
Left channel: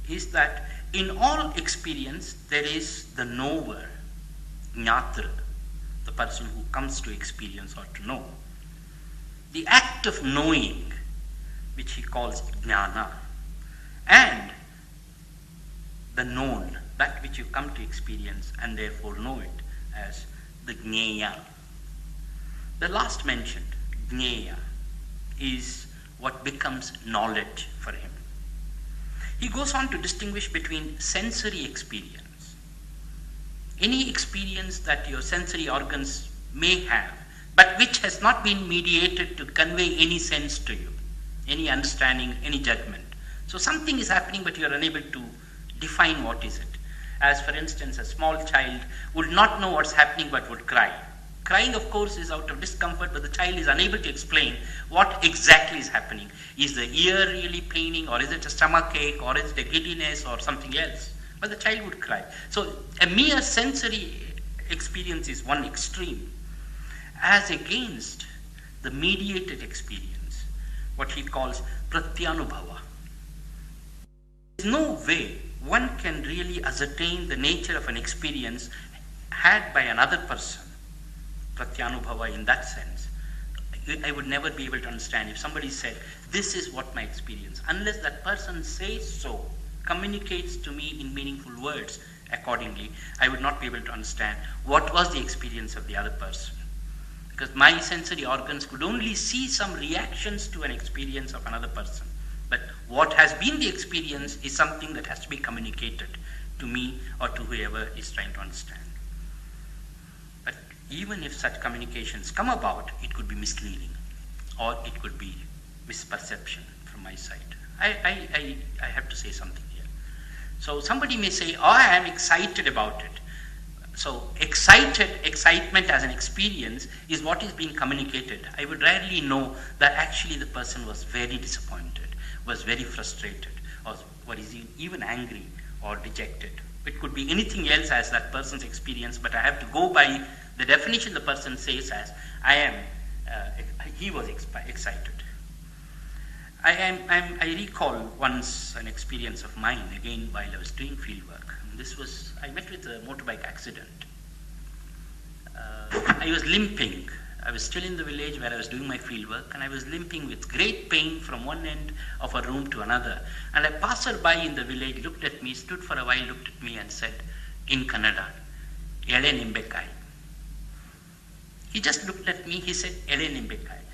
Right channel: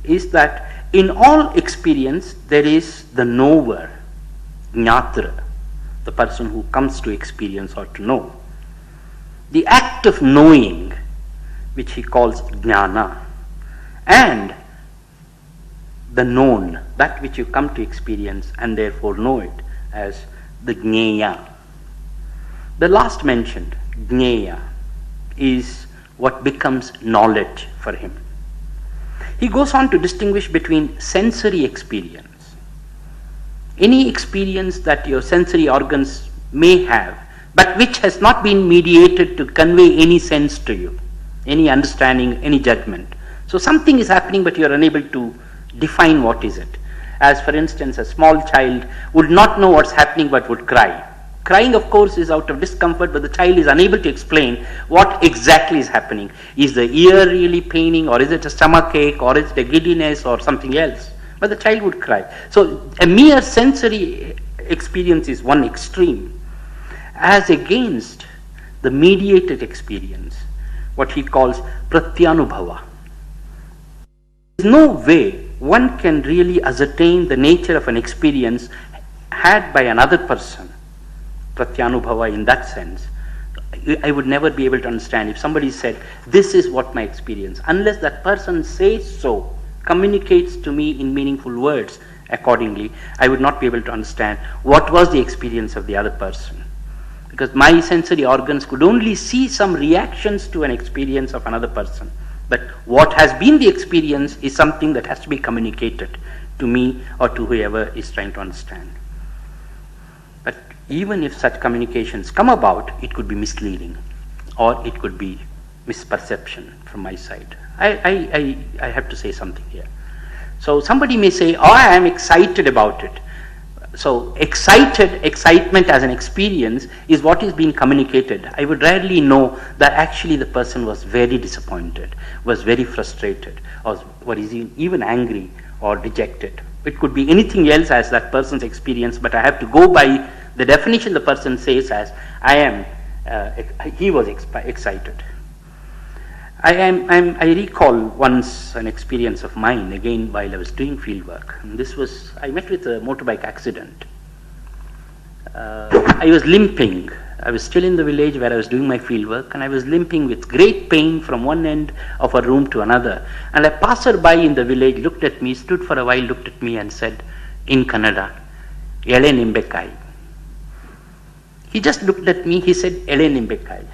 is that in all experience, there is the knower, jnatra, the person who comes to experience or to know. The act of knowing, which he calls jnana, and the known, that which you come to experience and therefore know it as the jnaya. The last mentioned, jnaya, is what becomes knowledge for him. He goes on to distinguish between sensory experience. Any experience that your sensory organs may have, but which has not been mediated to convey any sense to you, any understanding, any judgment. So something is happening, but you are unable to define what is it. As for instance, a small child would not know what's happening but would cry. Crying, of course, is out of discomfort, but the child is unable to explain what exactly is happening. Is the ear really paining, or is it a stomach ache, or is it a giddiness, or something else? But the child would cry. So a mere sensory experience is one extreme, as against the mediated experience, what he calls pratyanubhava. There is no way one can really ascertain the nature of an experience had by another person, pratyanubhava in that sense. I would never be able to understand if somebody said, this is what my experience, unless that person says so, communicates to me in meaningful words accordingly, I would not be able to understand what was the experience of the other person. Because my sensory organs could only see some reactions to an experience of another person. But what has been the experience is something that has to be communicated to me or to whoever is trying to understand. But even if such communications come about, it could be misleading, or it could be misperception from my side. I have to say something here. So somebody may say, oh, I am excited about it. So excitement as an experience is what is being communicated. I would rarely know that actually the person was very disappointed, was very frustrated, or is even angry or dejected. It could be anything else as that person's experience, but I have to go by the definition the person says as he was excited. I recall once an experience of mine, again while I was doing field work. And I met with a motorbike accident. I was limping. I was still in the village where I was doing my field work, and I was limping with great pain from one end of a room to another. And a passerby in the village looked at me, stood for a while, looked at me and said in Kannada, "Ele nimbekai." He just looked at me, he said, "Ele nimbekai."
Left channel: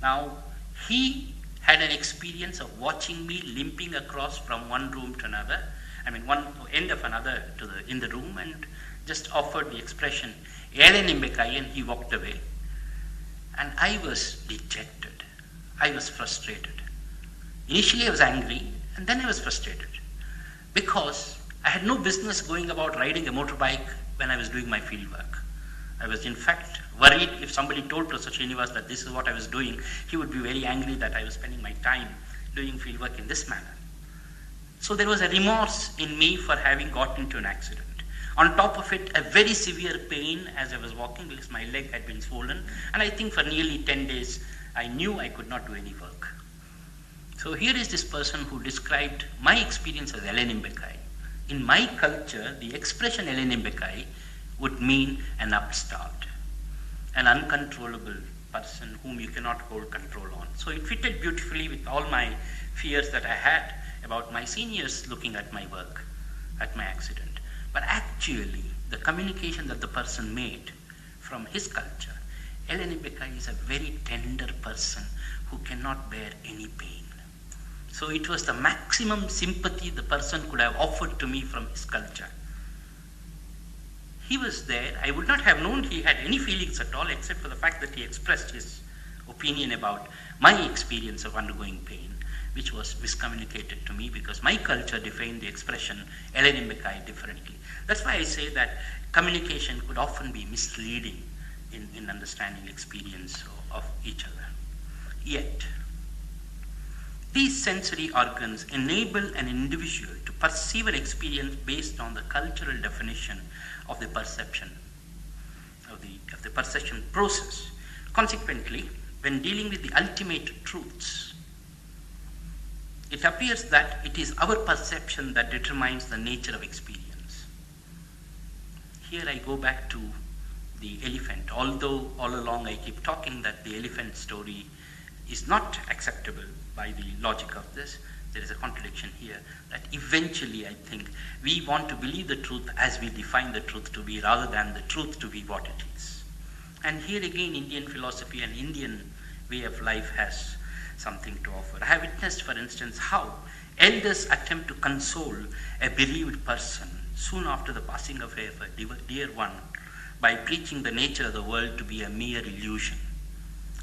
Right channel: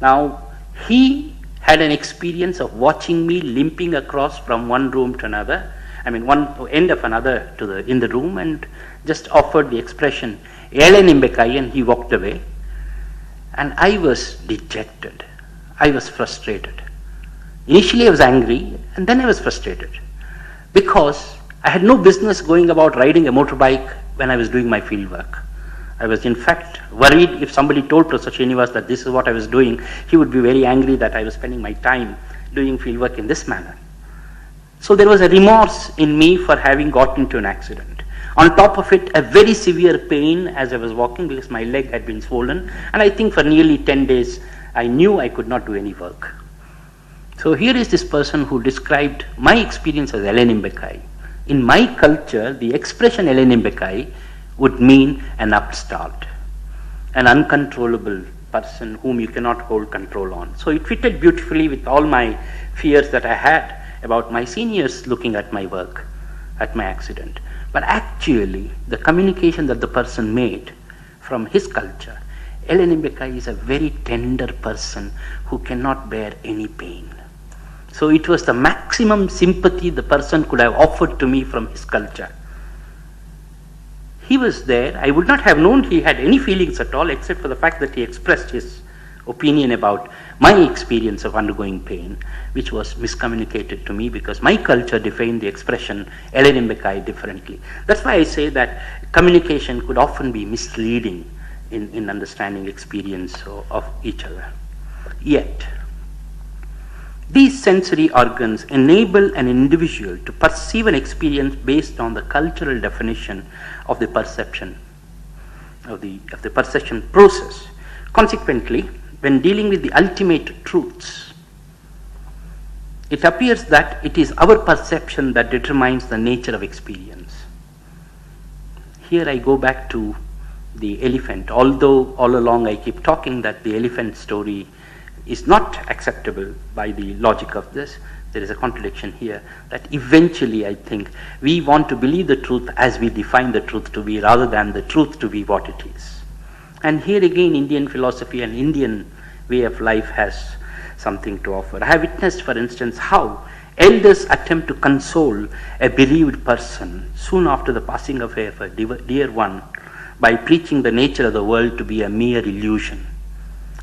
Now, he had an experience of watching me limping across from one room to another, one end of another in the room, and just offered the expression, "Ele nimbekai," and he walked away. And I was dejected. I was frustrated. Initially I was angry, and then I was frustrated, because I had no business going about riding a motorbike when I was doing my field work. I was in fact worried if somebody told Professor Srinivas that this is what I was doing, he would be very angry that I was spending my time doing fieldwork in this manner. So there was a remorse in me for having got into an accident. On top of it, a very severe pain as I was walking because my leg had been swollen, and I think for nearly 10 days I knew I could not do any work. So here is this person who described my experience as Elenimbekai. In my culture, the expression Elenimbekai would mean an upstart, an uncontrollable person whom you cannot hold control on. So it fitted beautifully with all my fears that I had about my seniors looking at my work, at my accident. But actually, the communication that the person made from his culture, Elenimbekai is a very tender person who cannot bear any pain. So it was the maximum sympathy the person could have offered to me from his culture. He was there. I would not have known he had any feelings at all except for the fact that he expressed his opinion about my experience of undergoing pain, which was miscommunicated to me because my culture defined the expression Elenimbekai differently. That's why I say that communication could often be misleading in understanding experience of each other. Yet, these sensory organs enable an individual to perceive an experience based on the cultural definition of the perception, of the perception process. Consequently, when dealing with the ultimate truths, it appears that it is our perception that determines the nature of experience. Here I go back to the elephant, although all along I keep talking that the elephant story is not acceptable by the logic of this. There is a contradiction here that eventually I think we want to believe the truth as we define the truth to be rather than the truth to be what it is. And here again Indian philosophy and Indian way of life has something to offer. I have witnessed, for instance, how elders attempt to console a bereaved person soon after the passing away of a dear one by preaching the nature of the world to be a mere illusion.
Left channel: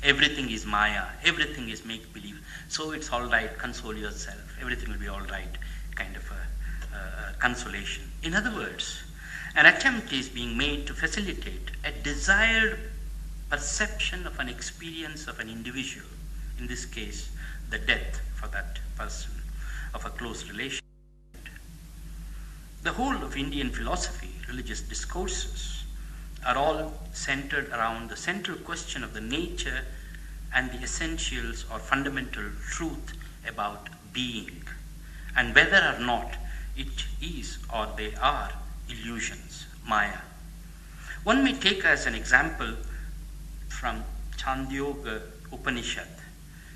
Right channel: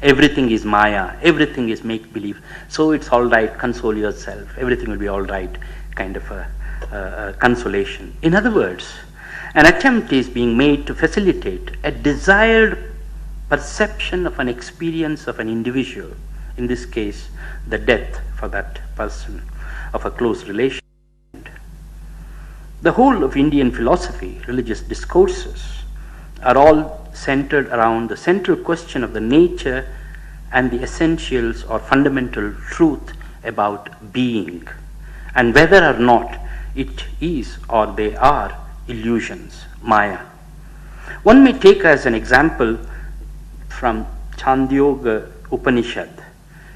Everything is Maya, everything is make-believe, so it's all right, console yourself, everything will be all right, kind of a consolation. In other words, an attempt is being made to facilitate a desired perception of an experience of an individual, in this case, the death for that person of a close relation. The whole of Indian philosophy, religious discourses, are all centered around the central question of the nature and the essentials or fundamental truth about being, and whether or not it is or they are illusions, Maya. One may take as an example from Chandogya Upanishad,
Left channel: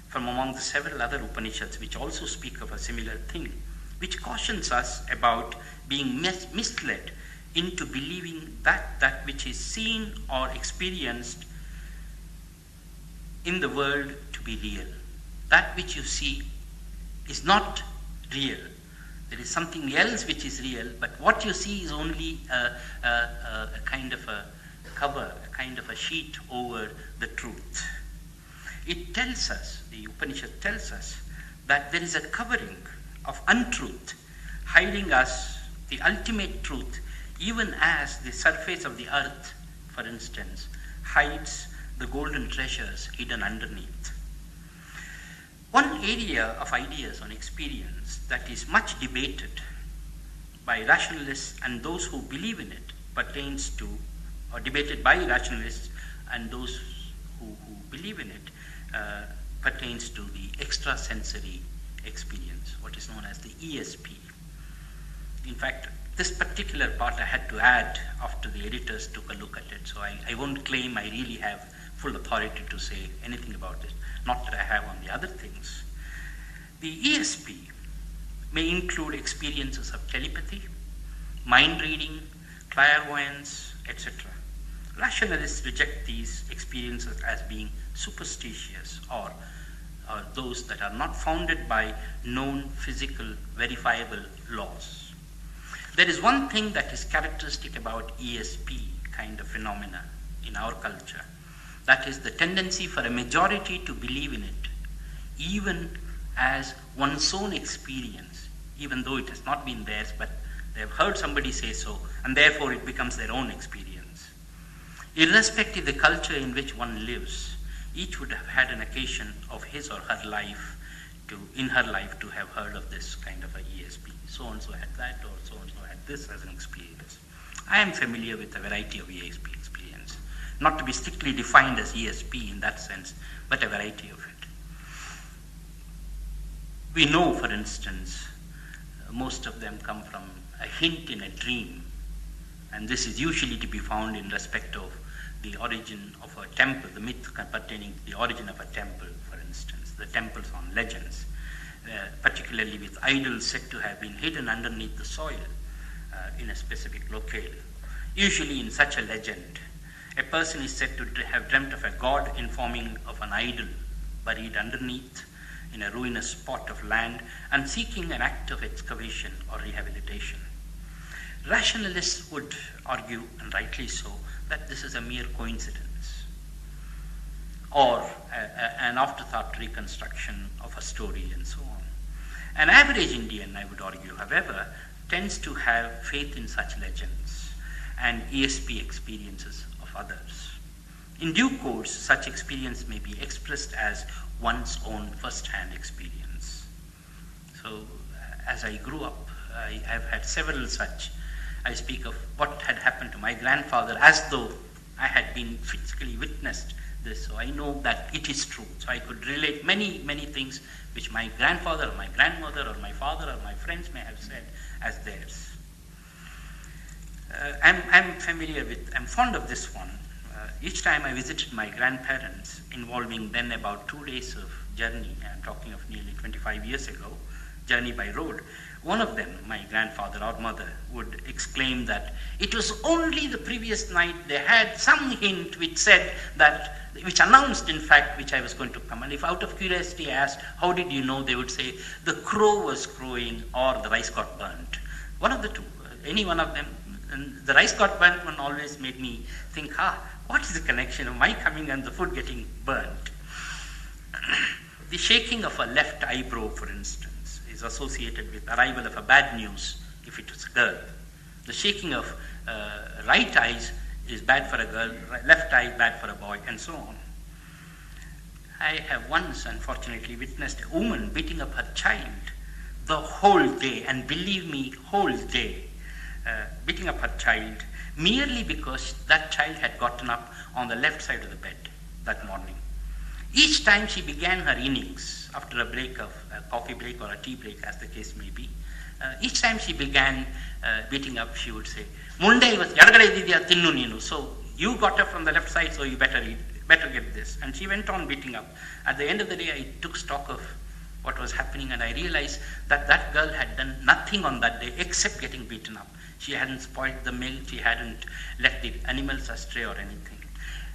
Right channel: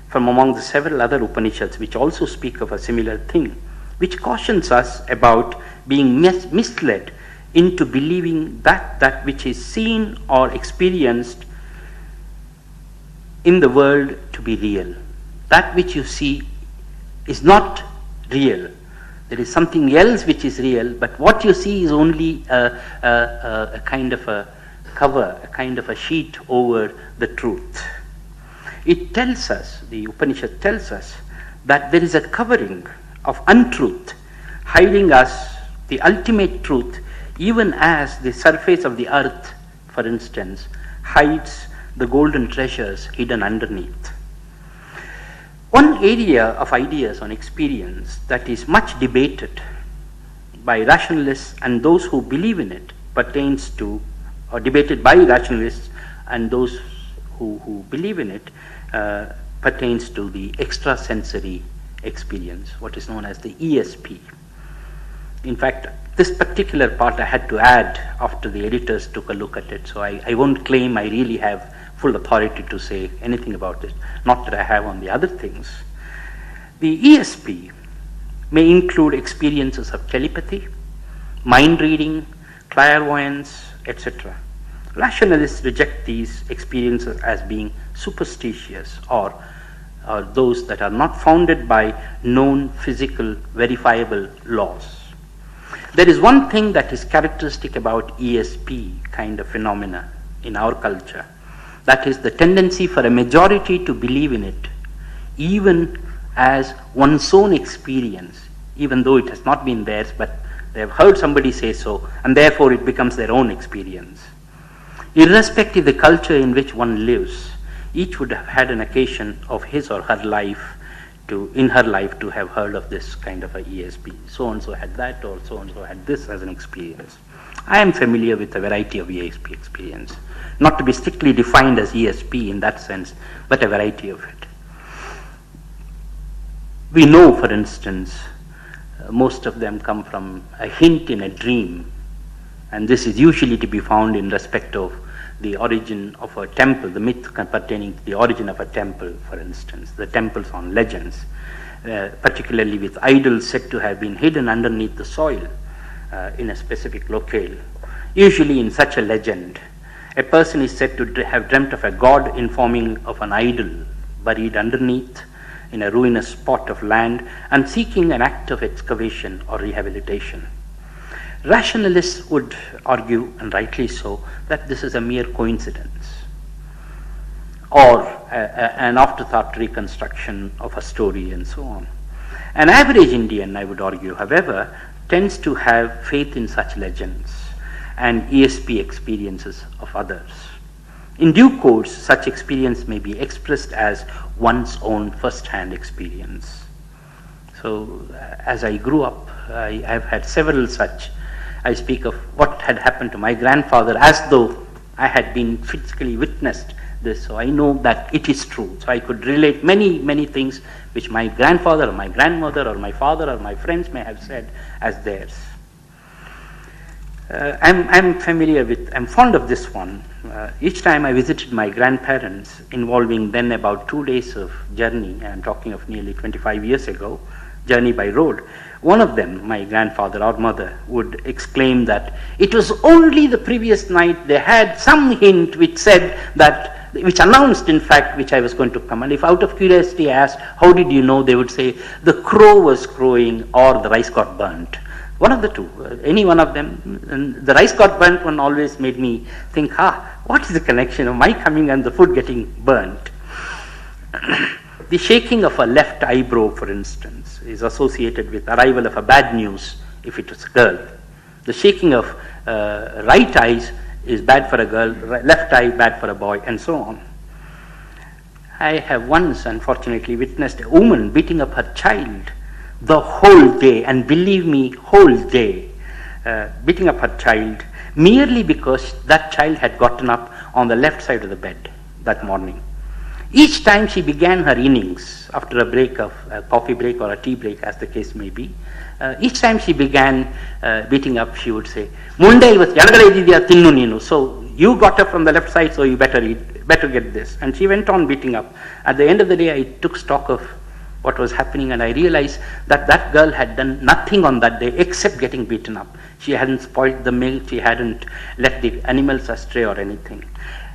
from among the several other Upanishads which also speak of a similar thing, which cautions us about being misled into believing that which is seen or experienced in the world to be real. That which you see is not real. There is something else which is real, but what you see is only a kind of a cover, a kind of a sheet over the truth. It tells us, the Upanishad tells us, that there is a covering of untruth, hiding us the ultimate truth, even as the surface of the earth, for instance, hides the golden treasures hidden underneath. One area of ideas on experience that is much debated by rationalists and those who believe in it pertains to, or debated by rationalists and those who believe in it, pertains to the extrasensory experience, what is known as the ESP. In fact, this particular part I had to add after the editors took a look at it, so I won't claim I really have full authority to say anything about it, not that I have on the other things. The ESP may include experiences of telepathy, mind reading, clairvoyance, etc. Rationalists reject these experiences as being superstitious or those that are not founded by known physical verifiable laws. There is one thing that is characteristic about ESP kind of phenomena in our culture. That is the tendency for a majority to believe in it, even as one's own experience, even though it has not been theirs, but they have heard somebody say so, and therefore it becomes their own experience. Irrespective of the culture in which one lives, each would have had an occasion of his or her life in her life to have heard of this kind of a ESP. So-and-so had that, or so-and-so had this as an experience. I am familiar with a variety of ESP experience, not to be strictly defined as ESP in that sense, but a variety of it. We know, for instance, most of them come from a hint in a dream, and this is usually to be found in respect of the origin of a temple, the myth pertaining to the origin of a temple, for instance, the temples on legends, particularly with idols said to have been hidden underneath the soil in a specific locale. Usually in such a legend, a person is said to have dreamt of a god informing of an idol buried underneath in a ruinous spot of land and seeking an act of excavation or rehabilitation. Rationalists would argue, and rightly so, that this is a mere coincidence or an afterthought reconstruction of a story and so on. An average Indian, I would argue, however, tends to have faith in such legends and ESP experiences of others. In due course, such experience may be expressed as one's own first-hand experience. So, as I grew up, I have had several such. I speak of what had happened to my grandfather as though I had been physically witnessed this, so I know that it is true. So I could relate many things which my grandfather or my grandmother or my father or my friends may have said as theirs. I'm fond of this one. Each time I visited my grandparents, involving then about 2 days of journey, I'm talking of nearly 25 years ago, journey by road, one of them, my grandfather or mother, would exclaim that it was only the previous night they had some hint which said that, which announced in fact which I was going to come. And if out of curiosity I asked, how did you know? They would say, the crow was crowing or the rice got burnt. One of the two, any one of them. And the rice got burnt one always made me think, what is the connection of my coming and the food getting burnt? The shaking of a left eyebrow, for instance, is associated with arrival of a bad news if it was a girl. The shaking of right eyes is bad for a girl, left eye bad for a boy, and so on. I have once, unfortunately, witnessed a woman beating up her child the whole day, and believe me, whole day, beating up her child merely because that child had gotten up on the left side of the bed that morning. Each time she began her innings, after a break of a coffee break or a tea break, as the case may be, each time she began beating up, she would say, Munday was Yanagalaidiya Tinnu Ninu. So you got up from the left side, so you better get this. And she went on beating up. At the end of the day, I took stock of what was happening, and I realized that that girl had done nothing on that day except getting beaten up. She hadn't spoiled the milk, she hadn't left the animals astray or anything.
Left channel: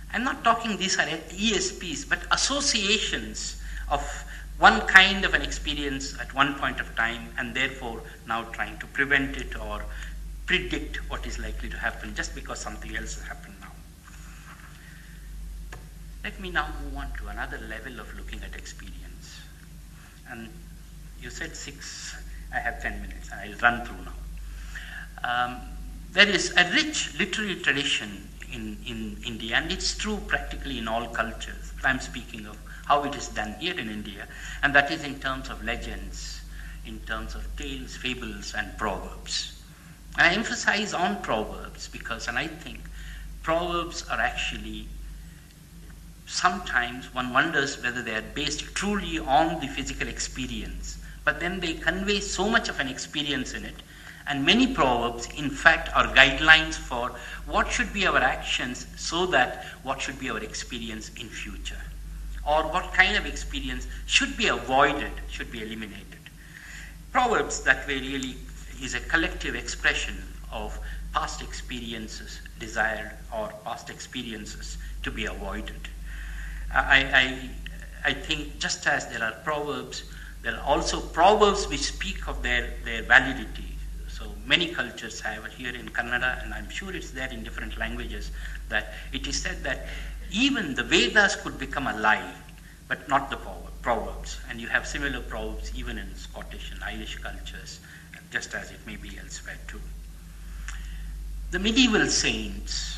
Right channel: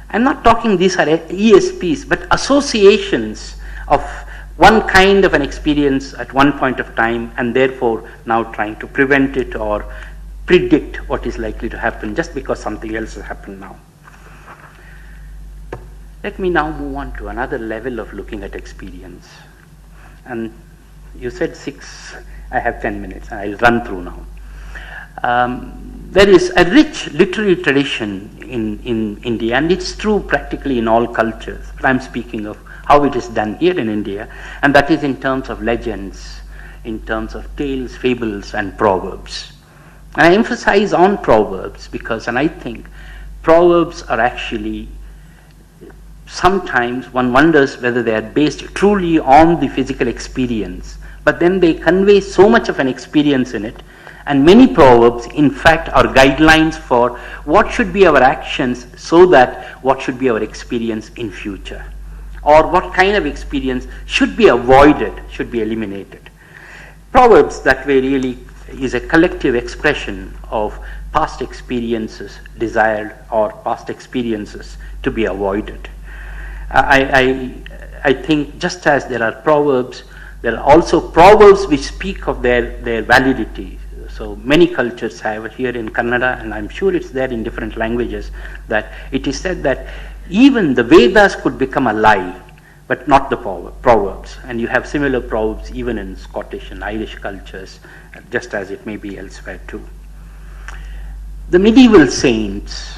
I'm not talking these are ESPs, but associations of one kind of an experience at one point of time, and therefore now trying to prevent it or predict what is likely to happen just because something else has happened now. Let me now move on to another level of looking at experience. And you said 6, I have 10 minutes, and I'll run through now. There is a rich literary tradition in India, and it's true practically in all cultures, but I'm speaking of how it is done here in India, and that is in terms of legends, in terms of tales, fables, and proverbs. And I emphasize on proverbs because, and I think proverbs are actually, sometimes one wonders whether they are based truly on the physical experience, but then they convey so much of an experience in it. And many proverbs, in fact, are guidelines for what should be our actions so that what should be our experience in future, or what kind of experience should be avoided, should be eliminated. Proverbs that way really is a collective expression of past experiences desired or past experiences to be avoided. I think just as there are proverbs, there are also proverbs which speak of their validity. So many cultures have it here in Kannada, and I'm sure it's there in different languages, that it is said that even the Vedas could become a lie, but not the proverbs. And you have similar proverbs even in Scottish and Irish cultures, just as it may be elsewhere too. The medieval saints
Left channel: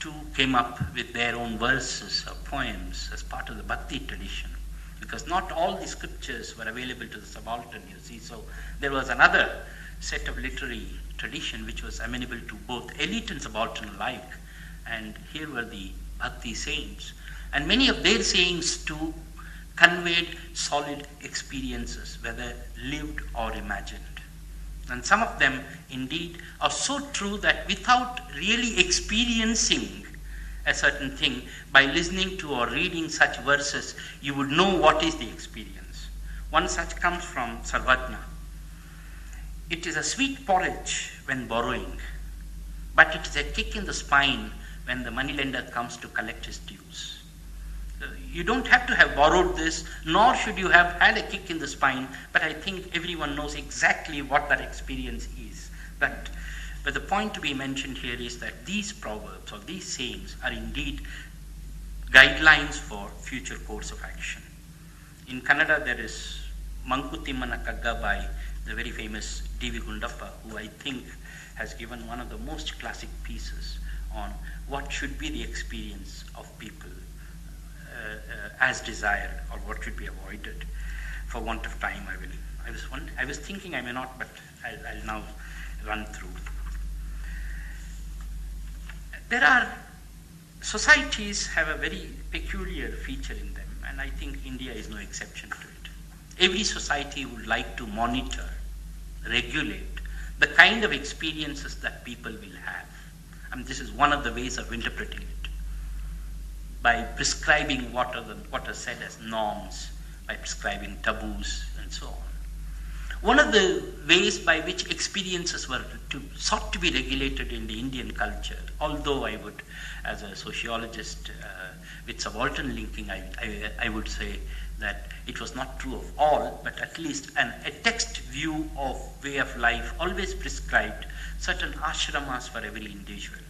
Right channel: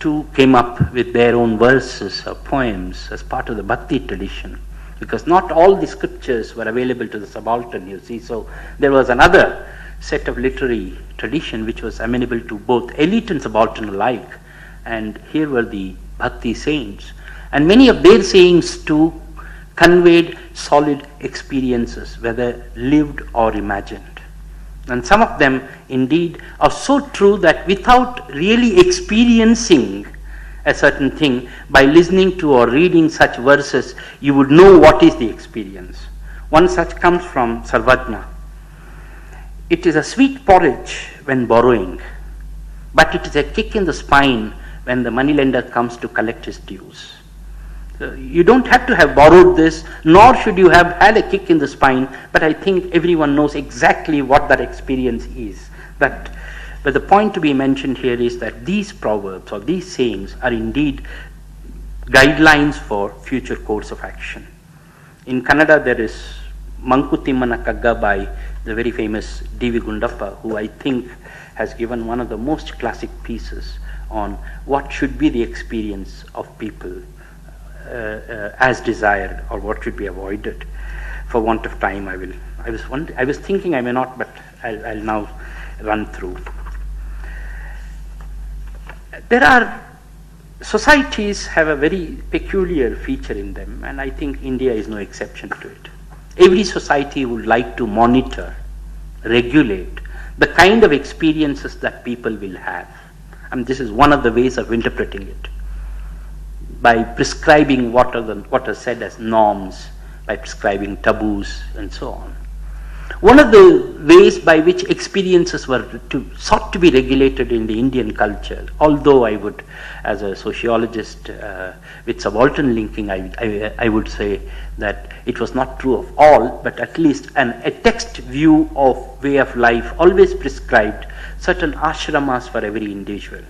too came up with their own verses or poems as part of the Bhakti tradition. because not all the scriptures were available to the subaltern, you see. So there was another set of literary tradition which was amenable to both elite and subaltern alike. And here were the Bhakti saints. And many of their sayings too conveyed solid experiences, whether lived or imagined. And some of them indeed are so true that without really experiencing a certain thing, by listening to or reading such verses, you would know what is the experience. One such comes from Sarvajna. It is a sweet porridge when borrowing, but it is a kick in the spine when the moneylender comes to collect his dues. So you don't have to have borrowed this, nor should you have had a kick in the spine, but I think everyone knows exactly what that experience is. But the point to be mentioned here is that these proverbs or these sayings are indeed guidelines for future course of action. In Kannada there is Mankutimana Kagga by the very famous D.V. Gundappa, who I think has given one of the most classic pieces on what should be the experience of people as desired, or what should be avoided. For want of time, I was thinking I may not, but I'll now run through. Societies have a very peculiar feature in them, and I think India is no exception to it. Every society would like to monitor, regulate the kind of experiences that people will have. And this is one of the ways of interpreting it, by prescribing what are said as norms, by prescribing taboos, and so on. One of the ways by which experiences were sought to be regulated in the Indian culture, although I would, as a sociologist with subaltern linking, I would say that it was not true of all, but at least a text view of way of life always prescribed certain ashramas for every individual.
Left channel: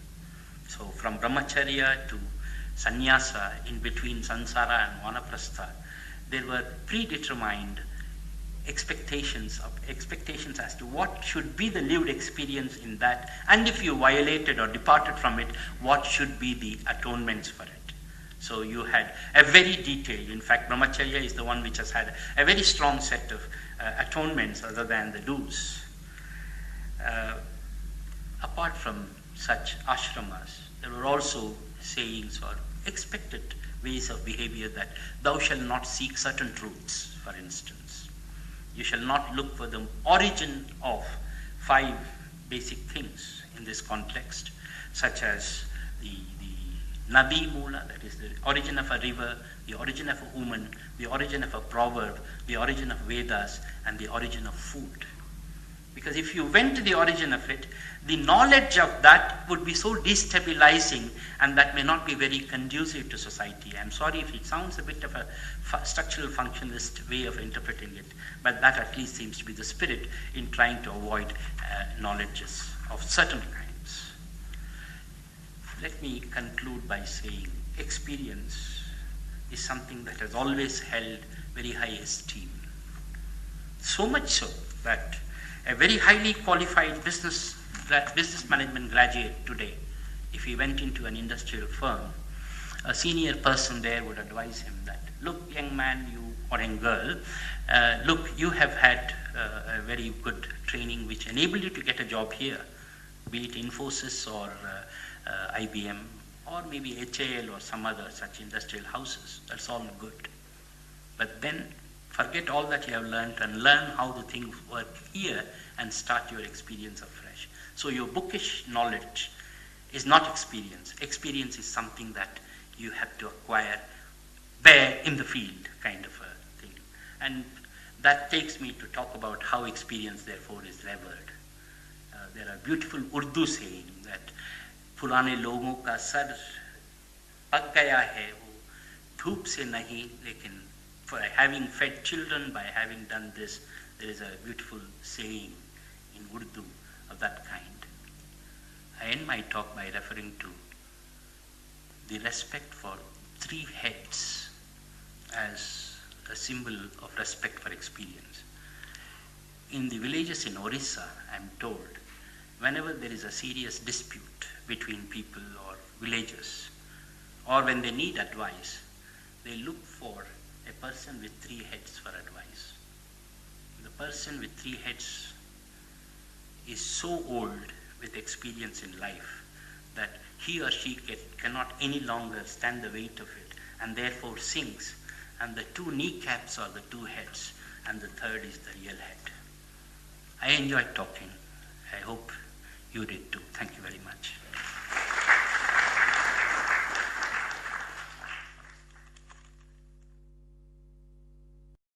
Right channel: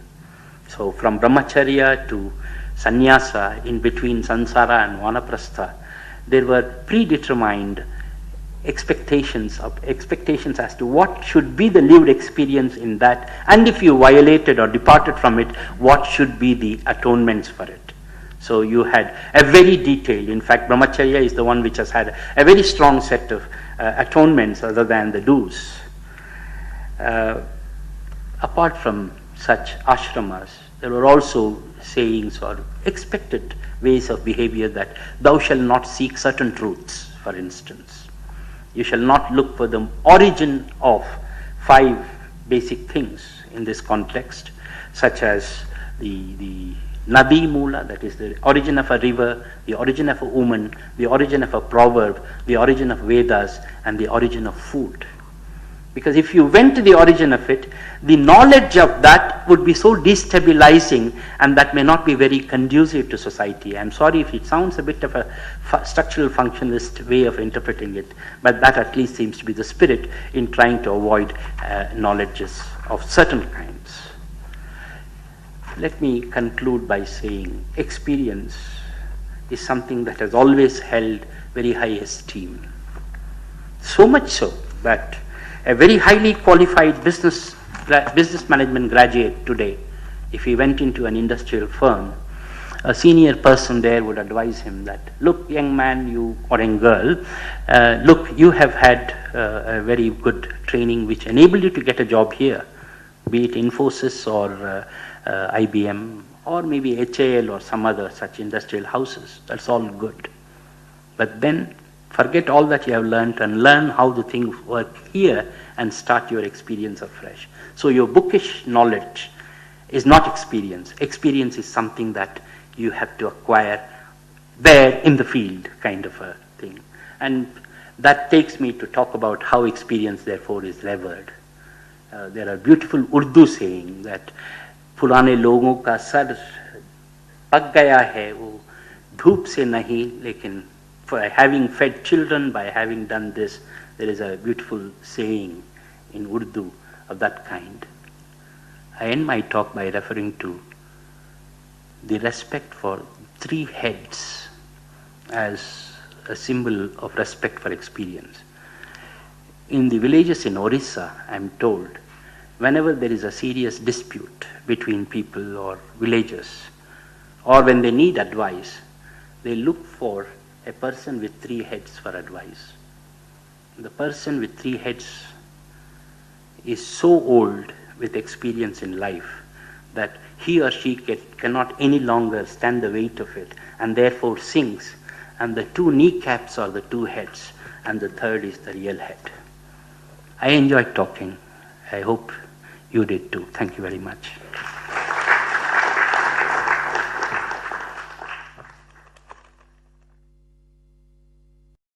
So from brahmacharya to sannyasa, in between samsara and vanaprastha, there were predetermined expectations as to what should be the lived experience in that, and if you violated or departed from it, what should be the atonements for it. So you had a very detailed, in fact brahmacharya is the one which has had a very strong set of atonements other than the do's. Apart from such ashramas, there were also sayings or expected ways of behavior, that thou shalt not seek certain truths, for instance. You shall not look for the origin of 5 basic things in this context, such as the Nadi Mula, that is the origin of a river, the origin of a woman, the origin of a proverb, the origin of Vedas, and the origin of food. Because if you went to the origin of it, the knowledge of that would be so destabilizing, and that may not be very conducive to society. I'm sorry if it sounds a bit of a structural functionalist way of interpreting it, but that at least seems to be the spirit in trying to avoid knowledges of certain kinds. Let me conclude by saying experience is something that has always held very high esteem. So much so that a very highly qualified business management graduate today, if he went into an industrial firm, a senior person there would advise him that, look, young man, you or young girl, look, you have had a very good training which enabled you to get a job here, be it Infosys or IBM or maybe HAL or some other such industrial houses. That's all good. But then forget all that you have learned and learn how the things work here and start your experience afresh. So your bookish knowledge is not experience. Experience is something that you have to acquire there in the field, kind of a thing. And that takes me to talk about how experience therefore is levered. There are beautiful Urdu saying that पुराने लोगों का sir पक गया है वो धूप से नहीं, लेकिन for having fed children, by having done this, there is a beautiful saying in Urdu of that kind. I end my talk by referring to the respect for 3 heads as a symbol of respect for experience. In the villages in Orissa, I am told, whenever there is a serious dispute between people or villagers, or when they need advice, they look for a person with 3 heads for advice. The person with 3 heads is so old with experience in life that he or she cannot any longer stand the weight of it and therefore sinks, and the 2 kneecaps are the 2 heads and the third is the real head. I enjoyed talking. I hope you did too. Thank you very much.